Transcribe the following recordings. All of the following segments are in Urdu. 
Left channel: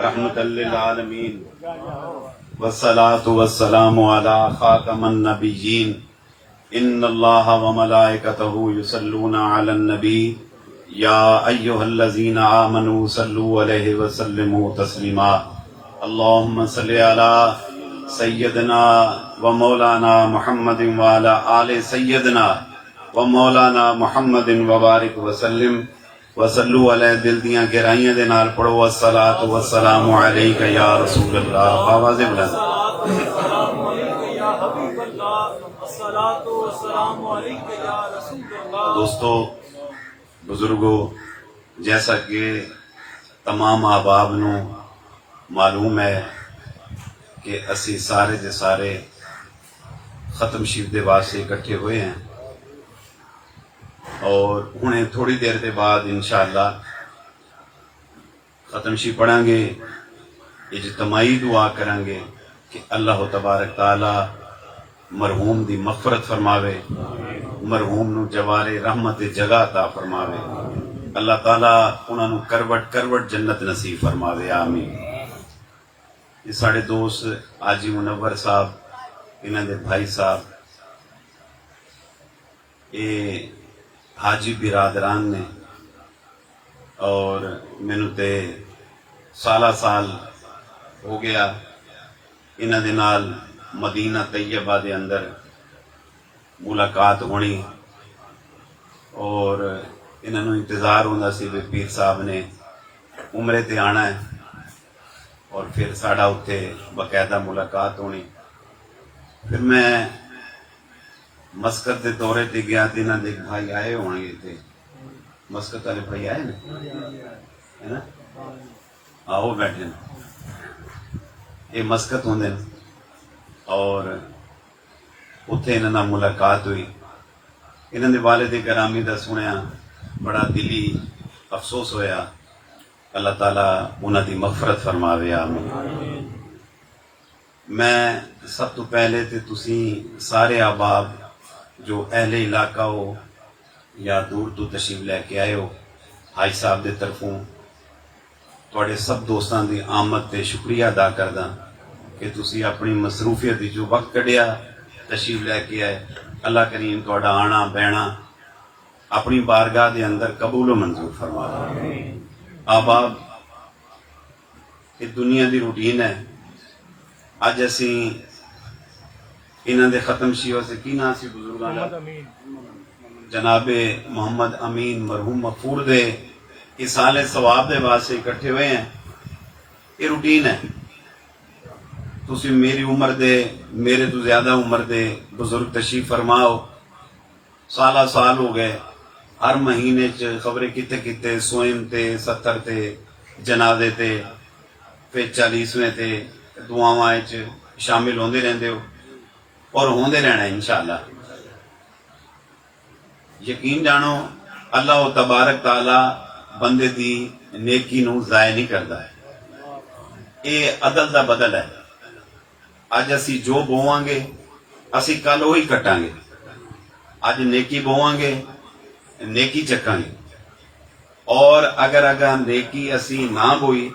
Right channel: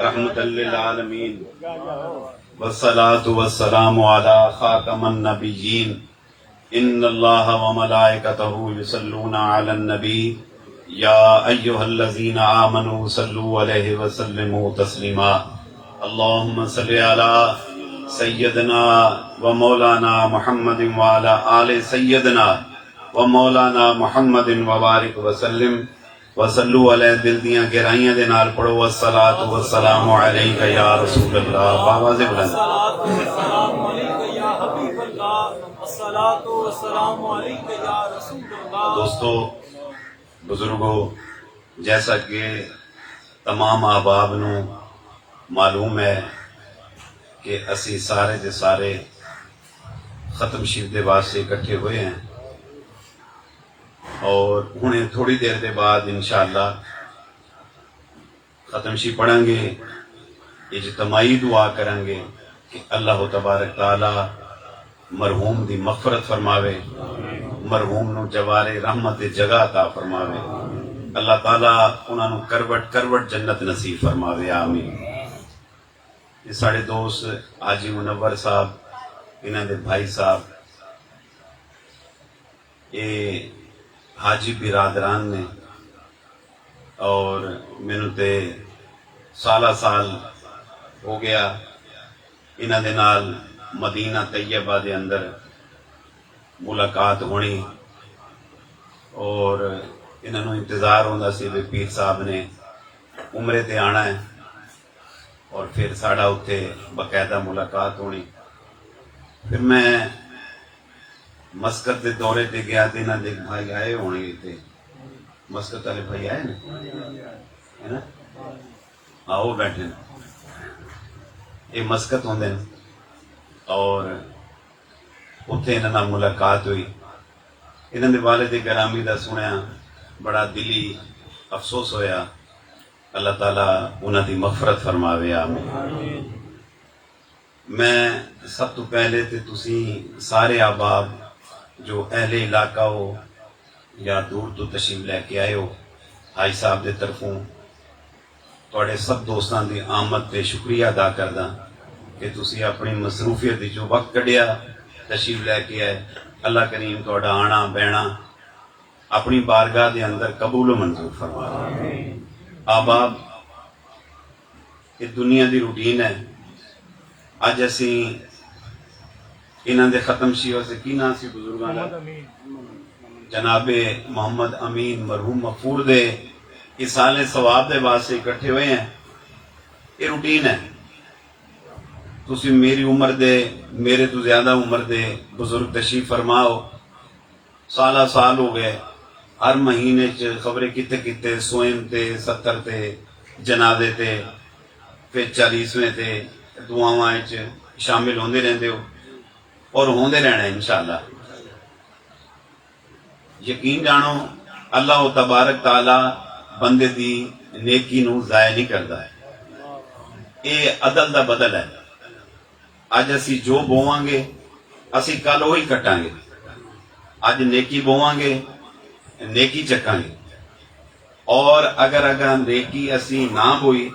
رحمة للعالمين والصلاة والسلام على خاتم النبيين إن الله وملائكته يصلون على النبي يا أيها الذين آمنوا صلوا عليه وسلموا تسليما اللهم صل على سيدنا ومولانا محمد وعلى آل سيدنا ومولانا محمد وبارک وسلم وصلو علیہ دل دیاں گہرائیاں دے نال پڑھو والصلاۃ والسلام علیک یا رسول اللہ آواز بلند دوستو بزرگو جیسا کہ تمام احباب نو معلوم ہے کہ اسی سارے دے سارے ختم شریف دے واسطے اکٹھے ہوئے ہیں اور انہیں تھوڑی دیر دے بعد انشاءاللہ ختم شریف پڑھیں گے اجتماعی دعا کریں گے کہ اللہ تبارک تعالی مرحوم دی مغفرت فرماوے مرحوم نو جوارے رحمت جگہ عطا فرماوے اللہ تعالی انہاں نو کروٹ کروٹ جنت نصیب فرماوے آمین۔ یہ ساڑے دوست حاجی منور صاحب انہاں دے بھائی صاحب یہ حاجی برادران نے اور مینو تے سالہ سال ہو گیا انہاں دے نال مدینہ طیبہ دے اندر ملاقات ہونی اور انہاں نو انتظار ہوندا سی کہ پیر صاحب نے عمرے تے آنا ہے اور پھر ساڑا اتنے باقاعدہ ملاقات ہونی۔ پھر میں مسکت دے دورے تے گیا تے انہاں دے بھائی آئے ہونے تے مسکت والے بھائی آئے نا آؤ بیٹھے یہ مسکت ہوندے اور اتنے انہاں نال ملاقات ہوئی انہاں دے والد گرامی دا سنیا بڑا دلی افسوس ہویا اللہ تعالیٰ انہاں دی مغفرت فرماوے آمین۔ میں سب تو پہلے تے تسی سارے احباب جو اہل علاقہ ہو یا دور تو تشریف لے کے آئے ہو حاج صاحب دے طرفوں تواڈے سب دوستاں دی آمد تے شکریہ ادا کردا کہ تسی اپنی مصروفیت جو وقت کڈیا تشریف لے کے آئے اللہ کریم تواڈا آنا بہنا اپنی بارگاہ دے اندر قبول و منظور فرماوے۔ احباب یہ دنیا دی روٹین ہے اج اسی انہاں دے ختم شیوا سے کی نام سی بزرگاں دا جناب محمد امین مرحوم مغفور دے اصالِ ثواب دے واسطے اکٹھے ہوئے ہیں۔ یہ روٹین ہے تسی میری عمر دے میرے تو زیادہ عمر دے بزرگ تشریف فرماؤ سالہ سال ہو گئے ہر مہینے خبریں کتے کتے سوئم تے 70 تے جنازے تے پھر 40ویں تے دعاواں شامل ہوندے رہندے ہو اور ہوندے رہنا انشاءاللہ۔ یقین جانو اللہ تبارک تعالی بندے دی نیکی نو ضائع نہیں کردا ہے یہ عدل دا بدل ہے۔ اج اسی جو بوواں گے اسی کل وہی کٹاں گے اج نیکی بوواں گے نیکی چکاں گے اور اگر نیکی اسی نہ بوئی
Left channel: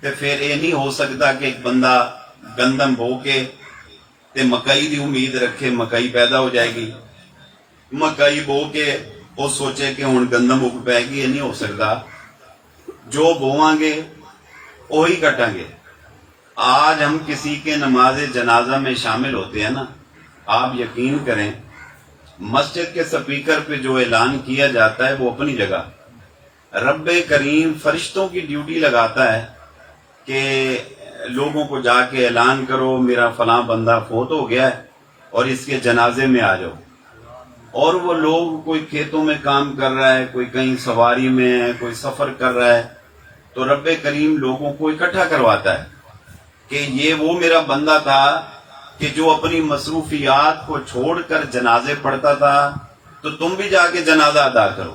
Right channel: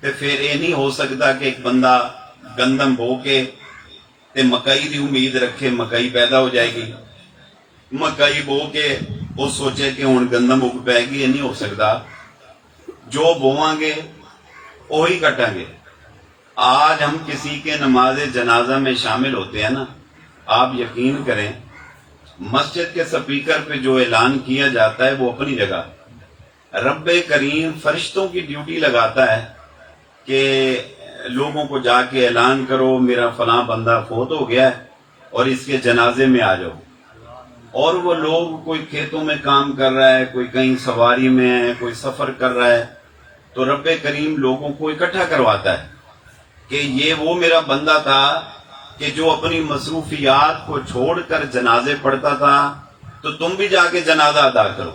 تو پھر یہ نہیں ہو سکتا کہ ایک بندہ گندم بو کے تے مکئی دی امید رکھے مکئی پیدا ہو جائے گی مکئی بو کے وہ سوچے کہ ہن گندم اگ پائے گی یہ نہیں ہو سکتا۔ جو بوواں گے وہی کٹاں گے۔ آج ہم کسی کے نماز جنازہ میں شامل ہوتے ہیں نا آپ یقین کریں مسجد کے سپیکر پہ جو اعلان کیا جاتا ہے وہ اپنی جگہ رب کریم فرشتوں کی ڈیوٹی لگاتا ہے کہ لوگوں کو جا کے اعلان کرو میرا فلاں بندہ فوت ہو گیا ہے اور اس کے جنازے میں آ جاؤ اور وہ لوگ کوئی کھیتوں میں کام کر رہا ہے کوئی کہیں سواری میں ہے کوئی سفر کر رہا ہے تو رب کریم لوگوں کو اکٹھا کرواتا ہے کہ یہ وہ میرا بندہ تھا کہ جو اپنی مصروفیات کو چھوڑ کر جنازے پڑھتا تھا تو تم بھی جا کے جنازہ ادا کرو۔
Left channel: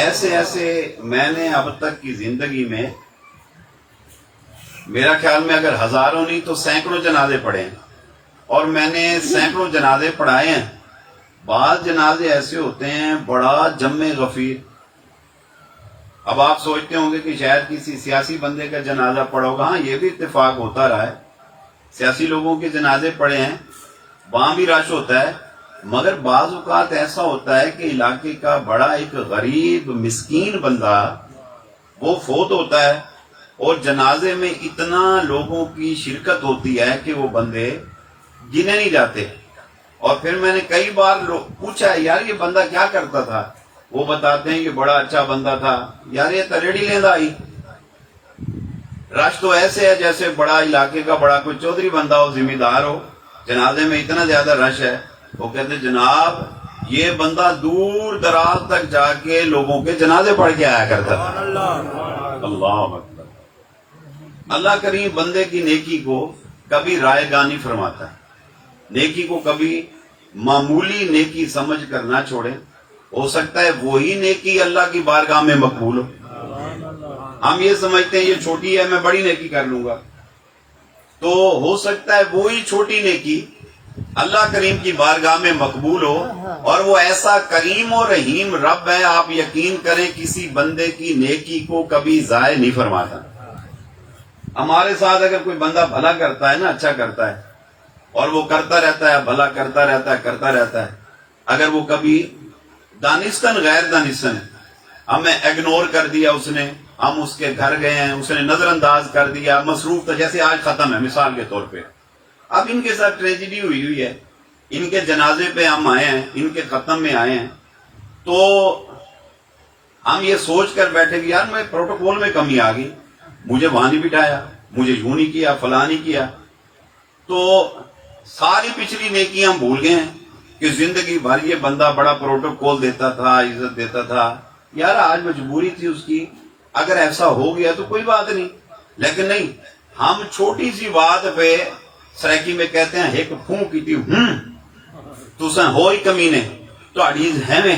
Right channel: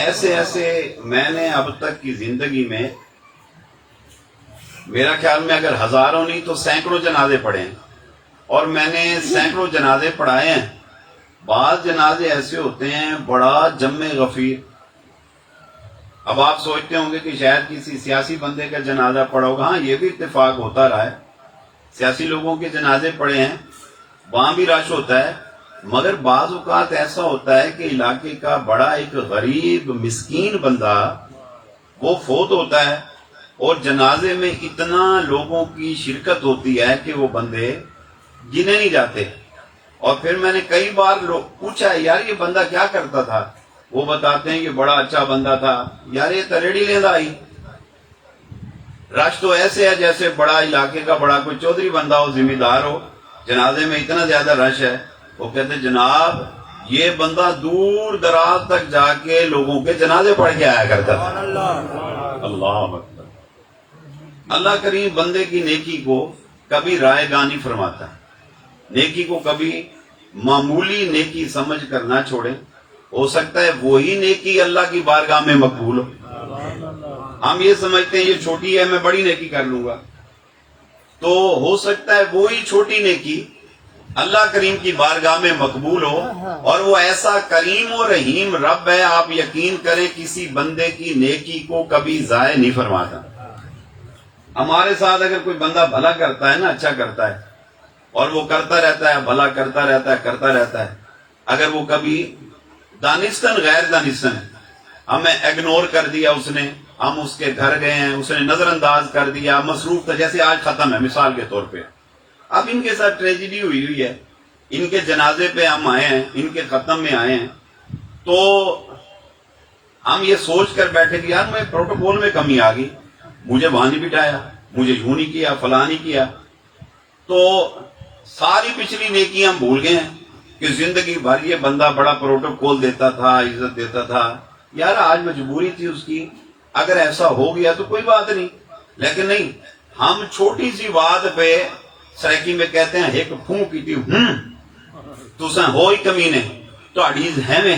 ایسے ایسے میں نے اب تک کی زندگی میں میرا خیال میں اگر ہزاروں نہیں تو سینکڑوں جنازے پڑھے ہیں اور میں نے سینکڑوں جنازے پڑھائے ہیں۔ بعض جنازے ایسے ہوتے ہیں بڑا جم غفیر اب آپ سوچتے ہوں گے کہ شاید کسی سیاسی بندے کا جنازہ پڑا ہوگا. ہاں یہ بھی اتفاق ہوتا رہا ہے, سیاسی لوگوں کے جنازے پڑے ہیں, وہاں بھی رش ہوتا ہے. مگر بعض اوقات ایسا ہوتا ہے کہ علاقے کا بڑا ایک غریب مسکین بندہ وہ فوت ہوتا ہے اور جنازے میں اتنا لوگوں کی شرکت ہوتی ہے کہ وہ بندے گنے نہیں جاتے. اور پھر میں نے کئی بار پوچھا یار یہ بندہ کیا کرتا تھا, وہ بتاتے ہیں یہ بڑا اچھا بندہ تھا. یار یہ تریڑی لیندہ آئی, رش تو ایسے ہے جیسے بڑا علاقے کا بڑا کوئی چودھری بندہ ہو, ذمہ دار ہو, جنازے میں اتنا زیادہ رش ہے. وہ کہتے جناب یہ بندہ دور دراز تک جا کے لوگوں کے جنازے پڑھ کے آیا کرتا تھا. اللہ اکبر. اللہ کریم بندے کی نیکی کو کبھی رائے گانی فرماتا ہے, نیکی کو کبھی معمولی نیکی سمجھ کر نہ چھوڑے. ہو سکتا ہے وہی نیکی اللہ کی بارگاہ میں مقبول ہو. ہم یہ سمجھتے ہیں یہ چھوٹی ہے میں بڑی نیکی کر لوں گا, تو ہو سکتا ہے وہی چھوٹی نیکی اللہ کریم کی بارگاہ میں مقبول ہو. اور وہ ایسا کریم و رحیم رب ہے, آپ یقین کریں کسی بندے کی نیکی کو کبھی ضائع نہیں فرماتا. ہمارے ساتھ اگر کوئی بندہ بھلا کرتا ہے نا, اچھا کرتا ہے, اور وہ کرتا رہتا ہے, بھلا کرتا رہتا ہے, اگر وہ کبھی دانستن غیر دانستن ہمیں اگنور کر دیا اس نے, ہم اس کے گھر گئے ہیں, اس نے نظر انداز کر دیا, مصروف تھا, جیسے آج ختم ہے مثال کے طور پہ, اب ان کے ساتھ ٹریجڈی ہوئی ہے, ان کے جنازے پہ ہم آئے ہیں, ان کے ختم میں آئے ہیں, تو ہم یہ سوچ کر بیٹھے کہ یار میں پروٹوکول میں کمی آ گئی, مجھے وہاں نہیں بٹھایا, مجھے یوں نہیں کیا, فلاں نہیں کیا. تو ساری پچھلی نیکیاں ہم بھول گئے ہیں کہ زندگی بھر یہ بندہ بڑا پروٹوکول دیتا تھا, عزت دیتا تھا. یار آج مجبوری تھی اس کی, اگر ایسا ہو گیا تو کوئی بات نہیں, لیکن نہیں, ہم چھوٹی سی بات پہ سرائکی میں کہتے ہیں ایک پھون کی تھی تساں ہوئی کمینے تہاڈی ہے میں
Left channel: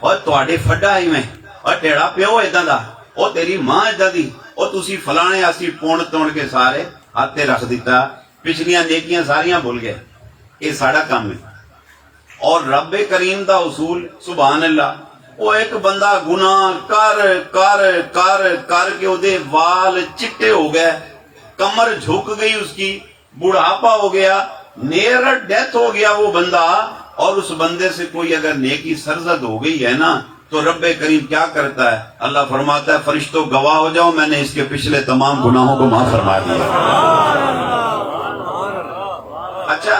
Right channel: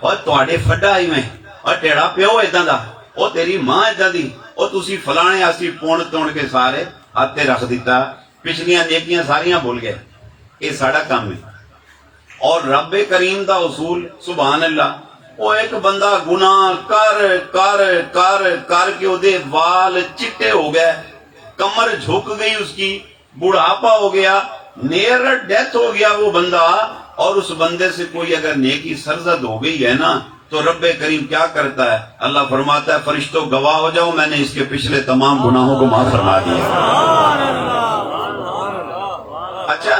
اور تہاڈے فڈا ہی میں اور تیرا پیو اداں دا اور تیری ماں اداں دی اور تسی فلانے اسی پون توڑ کے سارے ہاتھ رکھ دیتا, پچھلیاں نیکیاں ساریاں بھول گئے. یہ ساڈا کام ہے. اور رب کریم دا اصول سبحان اللہ, وہ ایک بندہ گناہ کر کر کر کر کے دے وال چٹے ہو گئے, کمر جھک گئی اس کی, بڑھاپا ہو گیا, نیئر ڈیتھ ہو گیا وہ بندہ, اور اس بندے سے کوئی اگر نیکی سرزد ہو گئی ہے نا تو رب کریم کیا کرتا ہے, اللہ فرماتا ہے فرشتوں گواہ ہو جاؤ میں نے اس کے پچھلے تمام گناہوں کو معاف فرما دیا. اچھا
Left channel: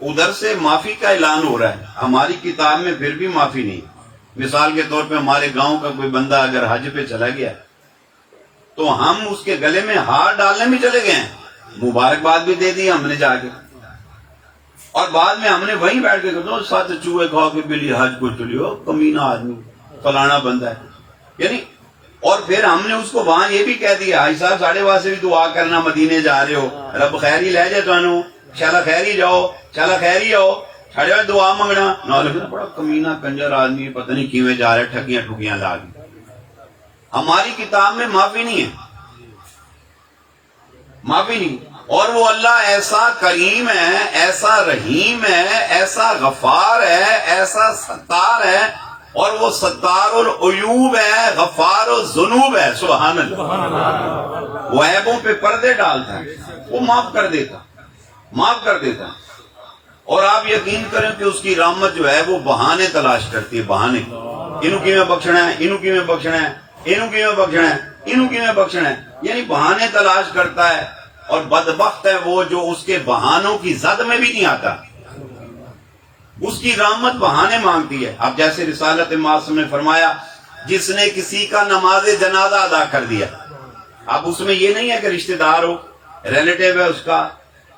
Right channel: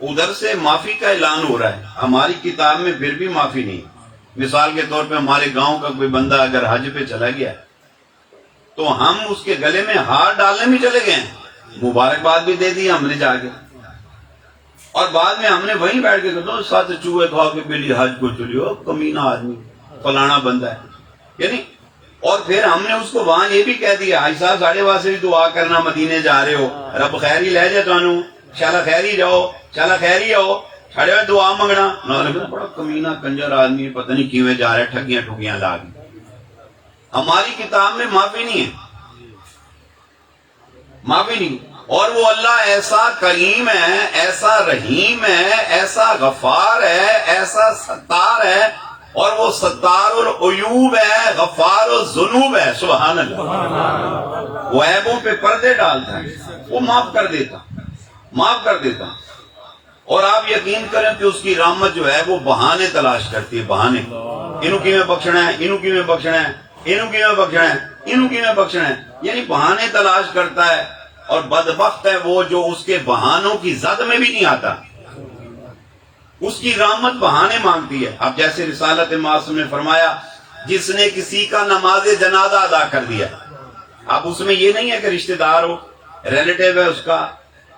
ادھر سے معافی کا اعلان ہو رہا ہے, ہماری کتاب میں پھر بھی معافی نہیں. مثال کے طور پہ ہمارے گاؤں کا کوئی بندہ اگر حج پہ چلا گیا تو ہم اس کے گلے میں ہار ڈالنے میں چلے گئے, مبارکباد بھی دے دی ہم نے جا کے, اور بعد میں ہم نے وہیں بیٹھ کے کہا ساتھ چوہے کھا کے بلی حج کو چلی ہو کمینہ آدمی فلانا بندہ ہے یعنی. اور پھر ہم نے اس کو وہاں یہ بھی کہہ دیا حاج صاحب ساڑھے واسطے بھی دعا کرنا, مدینے جا رہے ہو, رب خیر ہی لے جائے تانوں, شالا خیر ہی جاؤ, شالا خیر ہی آؤ, ساڑھے واسطے دعا منگنا نہ, بڑا کمینہ کنجر آدمی پتہ نہیں کیویں جا رہے, ٹھگیاں ٹھگیاں لا کے. ہماری کتاب میں معافی نہیں ہے, معافی نہیں. اور وہ اللہ ایسا کریم ہے, ایسا رحیم ہے, ایسا غفار ہے, ایسا ستار ہے, اور وہ ستار العیوب ہے, غفار الذنوب ہے. سبحان اللہ. وہ عیبوں پہ پردے ڈالتا ہے, وہ معاف کر دیتا, معاف کر دیتا. اور آپ یقین کریں کہ اس کی رحمت جو ہے وہ بہانے تلاش کرتی ہے, بہانے. انہوں کی میں بخشنا ہے, انہوں کی میں بخشنا ہے, انہوں کی میں بخشنا ہے, انہوں کی میں بخشنا ہے, یعنی بہانے تلاش کرتا ہے. اور بدبخت ہے وہ جو اس کے بہانوں کی زد میں بھی نہیں آتا, اس کی رحمت بہانے مانگتی ہے. اب جیسے رسالت معصوم نے فرمایا جس نے کسی کا نماز جنازہ ادا کر دیا, اب اس میں یہ نہیں ہے کہ رشتہ دار ہو, ریلیٹیو ہے اس کا,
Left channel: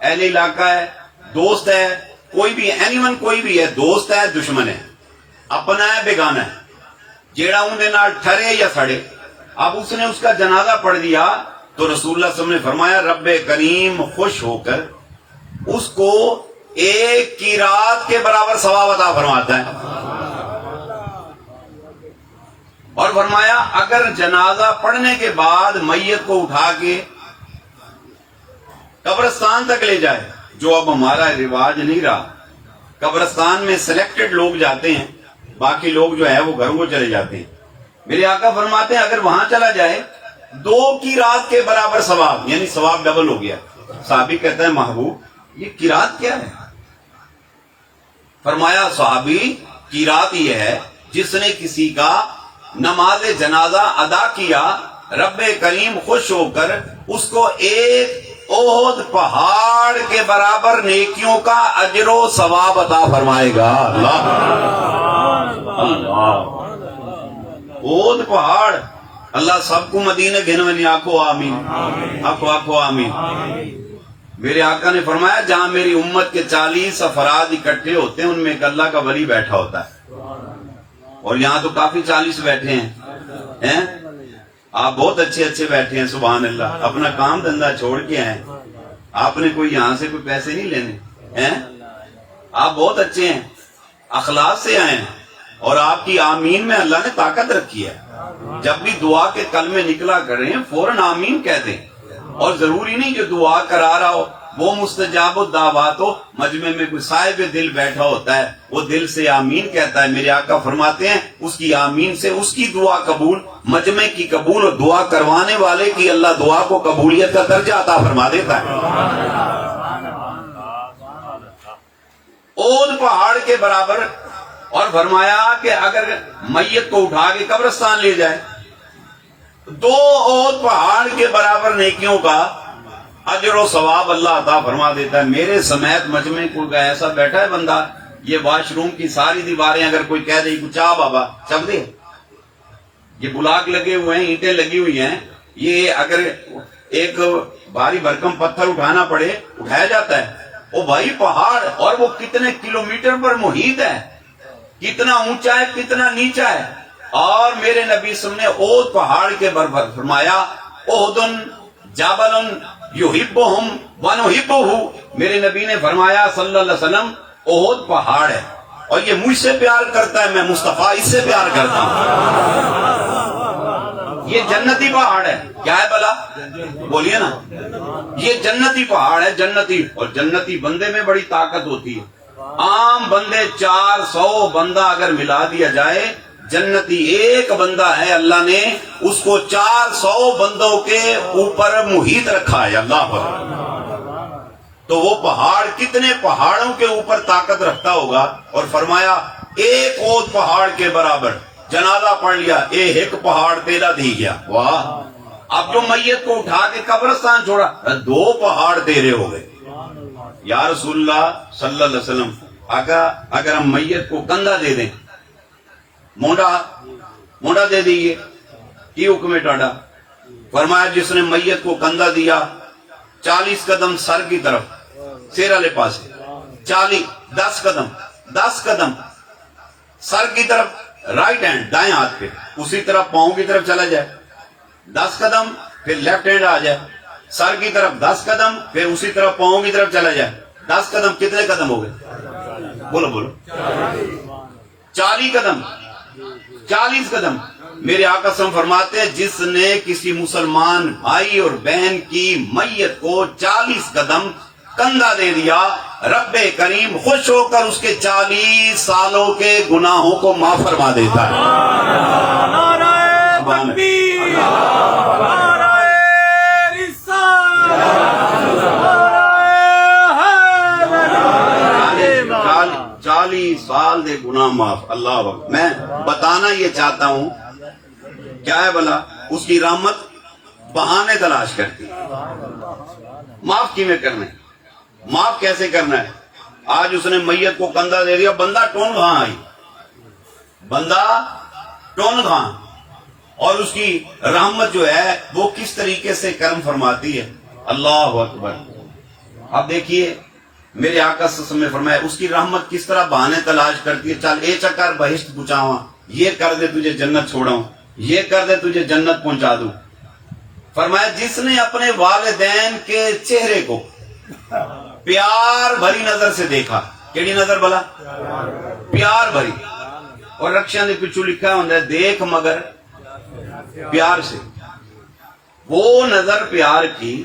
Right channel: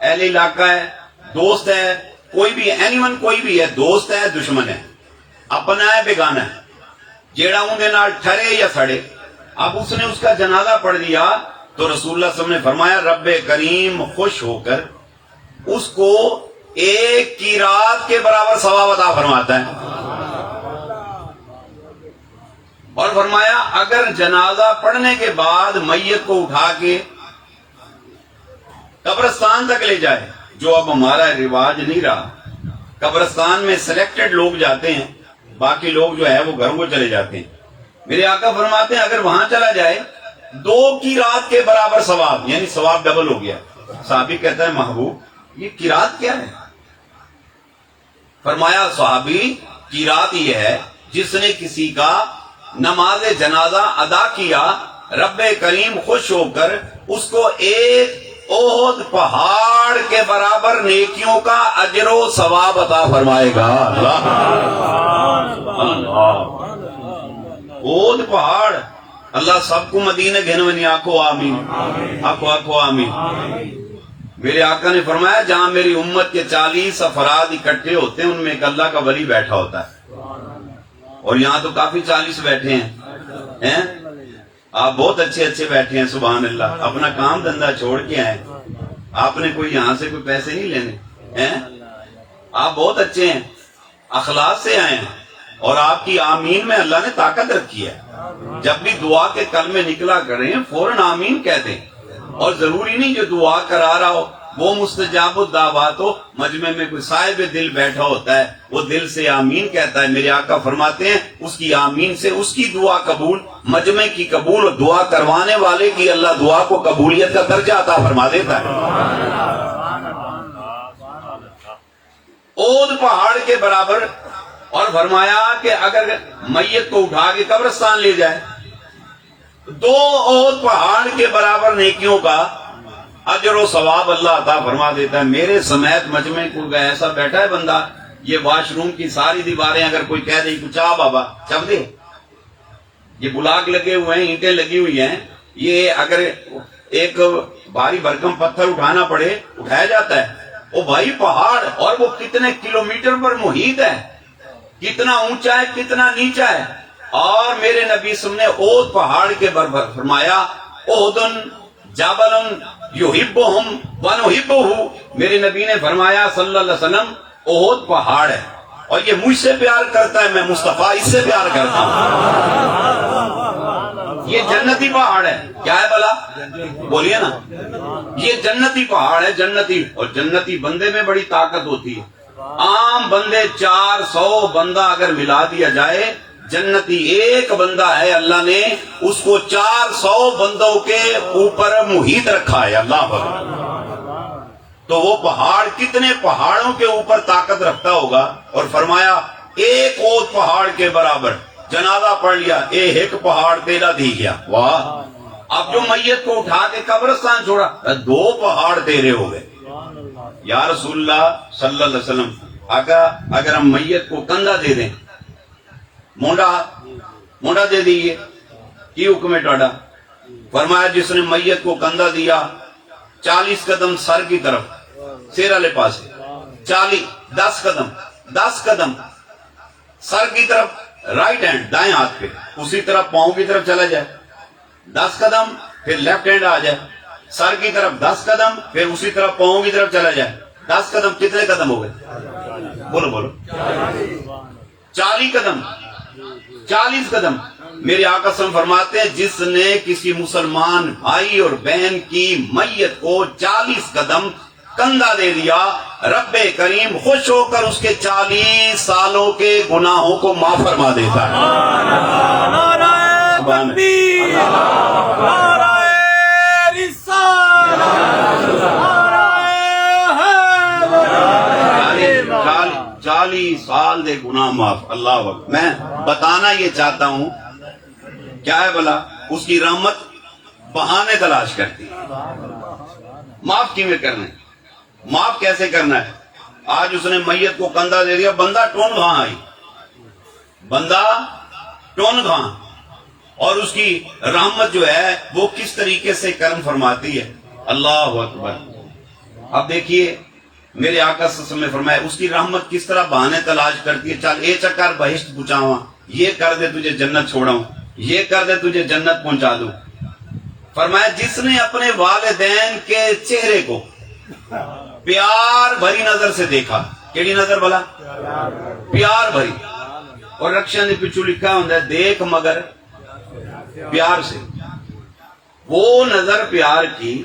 اہل علاقہ ہے, دوست ہے, کوئی بھی اینی ون کوئی بھی ہے, دوست ہے دشمن ہے, اپنا ہے بیگانہ ہے, جیڑا اندے نال ٹھرے یا سڑے. اب اس نے اس کا جنازہ پڑھ دیا تو رسول اللہ صلی اللہ علیہ وسلم نے فرمایا رب کریم خوش ہو کر اس کو ایک کی رات کے برابر ثواب عطا فرماتا ہے. اور فرمایا اگر جنازہ پڑھنے کے بعد میت کو اٹھا کے قبرستان تک لے جائے, جو اب ہمارا رواج نہیں رہا, قبرستان میں سلیکٹڈ لوگ جاتے ہیں, باقی لوگ جو ہے وہ گھروں کو چلے جاتے ہیں. میرے آقا فرماتے ہیں اگر وہاں چلا جائے 2 قرات کے برابر ثواب، یعنی ثواب ڈبل ہو گیا۔ صحابی کہتا ہے محبوب یہ قرات کیا ہے؟ فرمایا صحابی قرات یہ ہے جس نے کسی کا نماز جنازہ ادا کیا، رب کریم خوش ہو کر اس کو ایک احد پہاڑ کے برابر نیکیوں کا اجر و ثواب عطا فرمائے گا۔ اللہ احد پہاڑ، اللہ سب کو مدینے گھنونی آکھو آمین، آکھو آمین۔ میرے آقا نے فرمایا جہاں میری امت کے 40 افراد اکٹھے ہوتے ہیں ان میں ایک اللہ کا ولی بیٹھا ہوتا ہے، اور یہاں تو کافی 40 بیٹھے ہیں۔ آپ بہت اچھے اچھے بیٹھے ہیں، سبحان اللہ، اپنا کام دھندا چھوڑ کے آئے، آپ نے کوئی یہاں سے کوئی پیسے نہیں لینے ہیں، آپ بہت اچھے ہیں، اخلاص سے آئے ہیں، اور آپ کی آمین میں اللہ نے طاقت رکھی ہے۔ جب بھی دعا کے کلمے نکلا کریں فوراً آمین کہتے ہیں، اور ضروری نہیں جو دعا کرا رہا ہو وہ مستجاب الدعوات ہو، مجمع میں کوئی صاحب دل بیٹھا ہوتا ہے وہ دل سے آمین کہتا ہے، میرے آقا فرماتے ہیں اس کی آمین سے اس کی دعا قبول، مجمع کی قبول، اور دعا کروانے والے کی اللہ دعا کو قبولیت کا درجہ عطا فرما دیتا ہے۔ احد پہاڑ کے برابر، اور فرمایا کہ اگر میت کو اٹھا کے قبرستان لے جائے 2 احد پہاڑ کے برابر نیکیوں کا اجر و ثواب اللہ عطا فرما دیتا ہے۔ میرے سمیت مجمع کوئی ایسا بیٹھا ہے بندہ، یہ واش روم کی ساری دیواریں اگر کوئی کہہ دے کچھ چاہ بابا چل دے، یہ بلاک لگے ہوئے ہیں، اینٹیں لگی ہوئی ہیں، یہ اگر ایک بھاری بھرکم پتھر اٹھانا پڑے اٹھایا جاتا ہے۔ وہ بھائی پہاڑ، اور وہ کتنے کلومیٹر پر محیط ہے، کتنا اونچا ہے کتنا نیچا ہے، اور میرے نبی صلی اللہ علیہ وسلم نے احد پہاڑ کے برابر فرمایا احد جبل یحبہم ونحبہ، میرے نبی نے فرمایا صلی اللہ علیہ وسلم احد پہاڑ ہے اور یہ مجھ سے پیار کرتا ہے، میں مصطفیٰ اس سے پیار کرتا ہوں۔ یہ جنتی پہاڑ ہے، کیا ہے بلا بولیے نا، یہ جنتی پہاڑ ہے، جنتی، اور جنتی بندے میں بڑی طاقت ہوتی ہے۔ عام بندے 400 بندہ اگر ملا دیا جائے، جنتی ایک بندہ ہے، اللہ نے اس کو 400 بندوں کے اوپر محیط رکھا ہے، اللہ پر۔ تو وہ پہاڑ کتنے پہاڑوں کے اوپر طاقت رکھتا ہوگا، اور فرمایا ایک احد پہاڑ کے برابر، جنازہ پڑھ لیا ایک پہاڑ تیرا دی گیا، واہ۔ اب جو میت کو اٹھا کے قبرستان چھوڑا 2 پہاڑ تیرے ہو گئے۔ یا رسول اللہ صلی اللہ علیہ وسلم، اگر ہم میت کو کندھا دے دیں، مونڈا دے دیئے، کی حکم ہے ٹاڈا؟ فرمایا جس نے میت کو کندھا دیا 40 قدم سر کی طرف، سر والے پاس 10 قدم سر کی طرف، رائٹ ہینڈ دائیں ہاتھ پہ، اسی طرف پاؤں کی طرف چلا جائے 10 قدم، پھر لیفٹ ہینڈ آ جائے سر کی طرف 10 قدم، پھر اسی طرف پاؤں کی طرف چلا جائے 10 قدم، کتنے قدم ہو گئے؟ بولو 40 قدم، 40 قدم۔ میرے آقا صلی اللہ علیہ وسلم فرماتے ہیں جس نے کسی مسلمان بھائی اور بہن کی میت کو 40 قدم کندھا دے دیا، رب کریم خوش ہو کر اس کے 40 سالوں کے گناہوں کو معاف فرما دیتا ہے۔ سبحان اللہ، 40 سال دے گناہ معاف، اللہ وقت۔ میں بتانا یہ چاہتا ہوں کیا ہے بلا، اس کی رحمت بہانے تلاش کرتی ہے۔ معاف کیویں کرنا ہے، معاف کیسے کرنا ہے؟ آج اس نے میت کو کندھا دے دیا، بندہ ٹون گھاں آئی، بندہ ٹون گھاں، اور اس کی رحمت جو ہے وہ کس طریقے سے کرم فرماتی ہے، اللہ اکبر۔ اب دیکھیے میرے آقا صلی اللہ علیہ وسلم نے فرمایا اس کی رحمت کس طرح بہانے تلاش کرتی ہے، چل اے چکر بہشت پہنچاواں، یہ کر دے تجھے جنت چھوڑاؤں، یہ کر دے تجھے جنت پہنچا دوں۔ فرمایا جس نے اپنے والدین کے چہرے کو پیار بھری نظر سے دیکھا، کیڑی نظر بلا؟ پیار بھری، اور رکشا نے پچھو لکھا ہوتا ہے دیکھ مگر پیار سے، وہ نظر پیار کی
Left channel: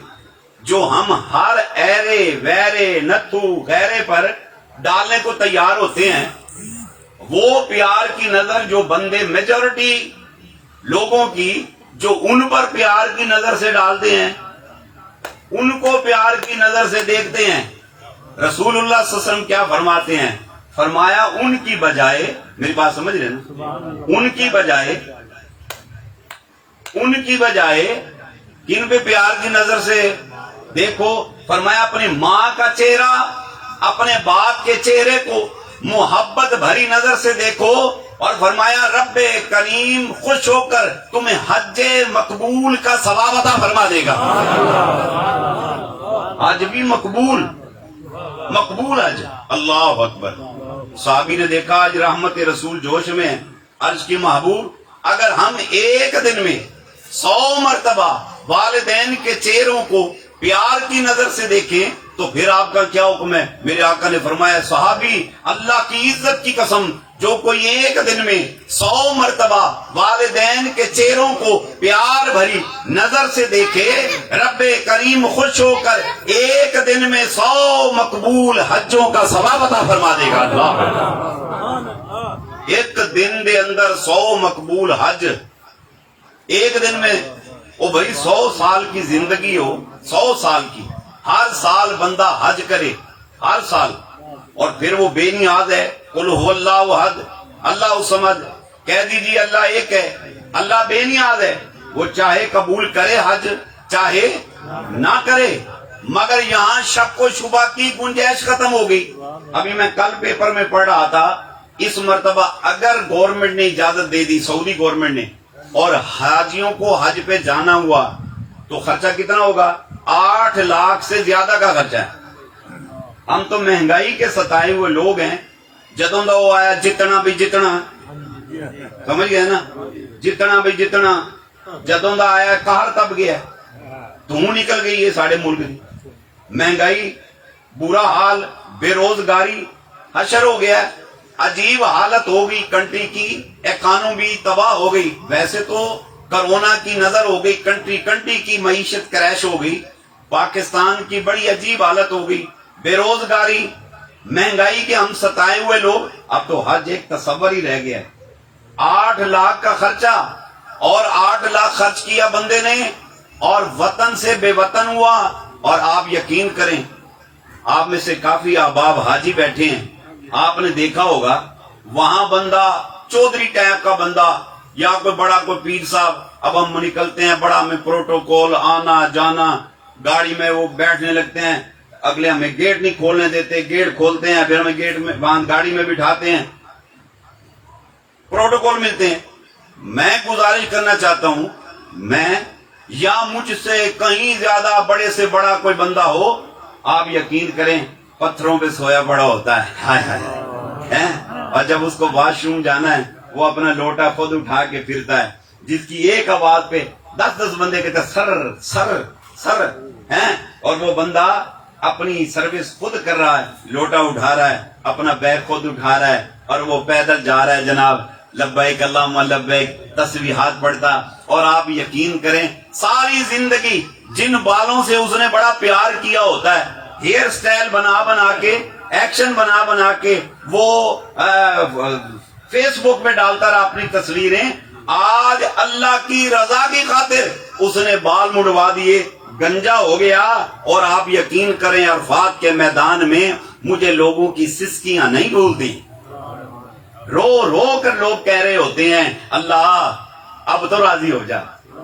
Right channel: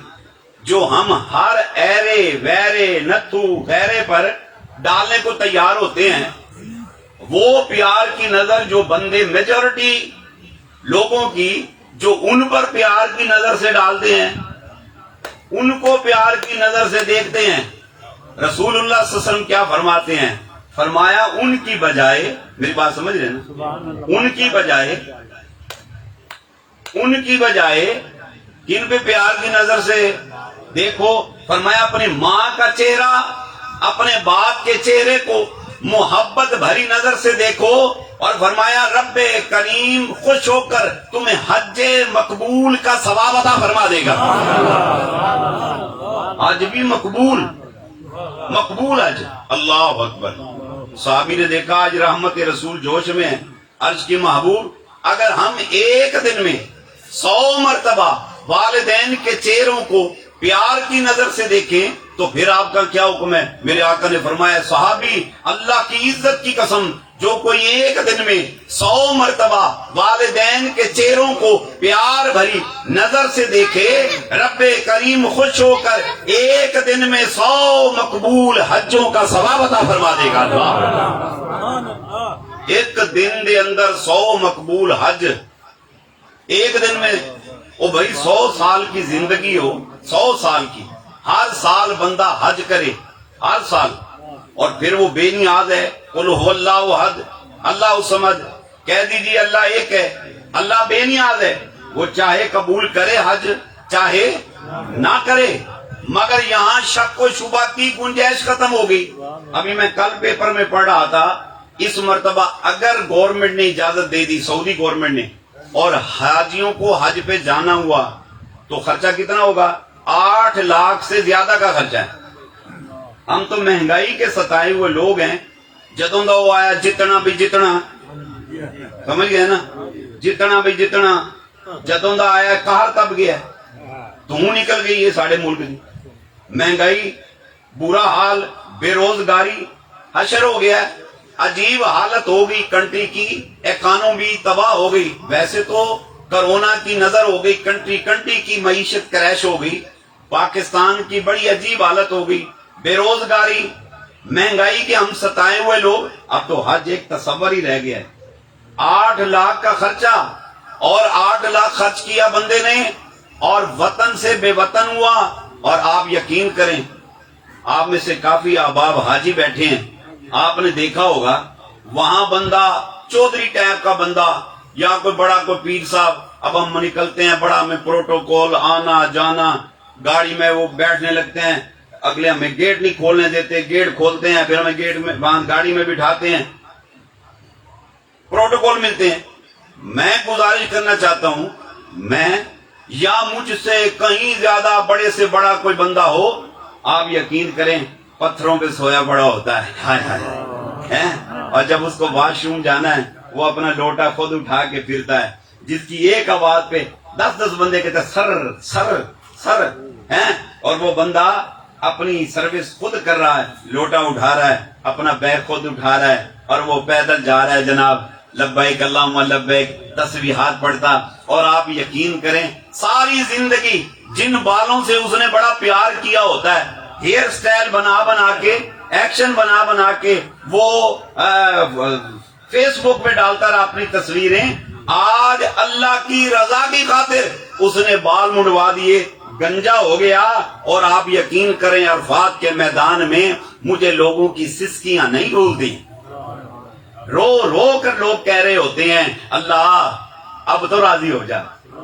جو ہم ہر ایرے ویرے نتھو غیرے پر ڈالنے کو تیار ہوتے ہیں، وہ پیار کی نظر جو بندے میجورٹی لوگوں کی جو ان پر پیار کی نظر سے ڈالتے ہیں، ان کو پیار کی نظر سے دیکھتے ہیں، رسول اللہ صلی اللہ علیہ وسلم کیا فرماتے ہیں؟ فرمایا ان کی بجائے، میری بات سمجھ رہے نا، ان کی بجائے کن پہ پیار کی نظر سے دیکھو؟ فرمایا اپنی ماں کا چہرہ، اپنے باپ کے چہرے کو محبت بھری نظر سے دیکھو، اور فرمایا رب کریم خوش ہو کر تمہیں حج مقبول کا ثواب عطا فرما دے گا۔ حج بھی مقبول حج، اللہ اکبر۔ صحابی نے دیکھا آج رحمت رسول جوش میں ہے، عرض کی محبوب اگر ہم ایک دن میں 100 مرتبہ والدین کے چہروں کو پیار کی نظر سے دیکھیں تو پھر آپ کا کیا حکم ہے؟ میرے آقا نے فرمایا صحابی اللہ کی عزت کی قسم جو کوئی ایک دن میں 100 مرتبہ والدین کے چہروں کو پیار بھری نظر سے دیکھے، رب کریم خوش ہو کر ایک دن میں 100 مقبول حجوں کا ثواب عطا فرما دے گا۔ ایک دن دے اندر 100 مقبول حج، ایک دن میں، او بھائی 100 سال کی زندگی ہو، 100 سال کی، ہر سال بندہ حج کرے، ہر سال، اور پھر وہ بے نیاز ہے، قل هو اللہ احد، اللہ سمجھ، کہہ دیجیے اللہ ایک ہے، اللہ بے نیاز ہے، وہ چاہے قبول کرے حج چاہے نہ کرے، مگر یہاں شک و شبہ کی گنجائش ختم ہو گئی۔ ابھی میں کل پیپر میں پڑھ رہا تھا، اس مرتبہ اگر گورنمنٹ نے اجازت دے دی، سعودی گورنمنٹ نے، اور حاجیوں کو حج پہ جانا ہوا تو خرچہ کتنا ہوگا؟ 8 لاکھ سے زیادہ کا خرچہ ہے۔ ہم تو مہنگائی کے ستائے ہوئے لوگ ہیں، جدوں دا وہ آیا جتنا بھی جتنا، سمجھ گئے نا، جتنا بھی جتنا، جدوں دا آیا قہر تب گیا، دھوں نکل گئی ہے سارے ملک کی، مہنگائی، برا حال، بے روزگاری، حشر ہو گیا، عجیب حالت ہو گئی کنٹری کی، اکانومی تباہ ہو گئی۔ ویسے تو کرونا کی نظر ہو گئی، کنٹری کی معیشت کریش ہو گئی، پاکستان کی بڑی عجیب حالت ہو گئی، بے روزگاری، مہنگائی کے ہم ستائے ہوئے لوگ، اب تو حج ایک تصور ہی رہ گیا ہے۔ 8 لاکھ کا خرچہ، اور 8 لاکھ خرچ کیا بندے نے، اور وطن سے بے وطن ہوا۔ اور آپ یقین کریں، آپ میں سے کافی احباب حاجی بیٹھے ہیں، آپ نے دیکھا ہوگا وہاں بندہ چودھری ٹائپ کا بندہ یا کوئی بڑا کوئی پیر صاحب، اب ہم نکلتے ہیں، بڑا ہمیں پروٹوکول، آنا جانا، گاڑی میں وہ بیٹھنے لگتے ہیں، اگلے ہمیں گیٹ نہیں کھولنے دیتے، گیٹ کھولتے ہیں، پھر ہمیں گیٹ میں باندھ گاڑی میں بٹھاتے ہیں، پروٹوکول ملتے ہیں۔ میں گزارش کرنا چاہتا ہوں، میں یا مجھ سے کہیں زیادہ بڑے سے بڑا کوئی بندہ ہو، آپ یقین کریں پتھروں پہ سویا بڑا ہوتا ہے، ہائے ہائے، اور جب اس کو واش روم جانا ہے وہ اپنا لوٹا خود اٹھا کے پھرتا ہے، جس کی ایک آواز پہ 10 بندے کہتے ہیں سر سر سر، اور وہ بندہ اپنی سروس خود کر رہا ہے، لوٹا اٹھا رہا ہے، اپنا بیگ خود اٹھا رہا ہے، اور وہ پیدل جا رہا ہے جناب، لبیک اللہم لبیک، تسبیحات پڑھتا۔ اور آپ یقین کریں ساری زندگی جن بالوں سے اس نے بڑا پیار کیا ہوتا ہے، ہیئر سٹائل بنا کے، ایکشن بنا کے، وہ فیس بک پہ ڈالتا رہا اپنی تصویریں، آج اللہ کی رضا کی خاطر اس نے بال مڑوا دیے، گنجا ہو گیا۔ اور آپ یقین کریں عرفات کے میدان میں مجھے لوگوں کی سسکیاں نہیں بھولتی، رو رو کر لوگ کہہ رہے ہوتے ہیں اللہ اب تو راضی ہو جا،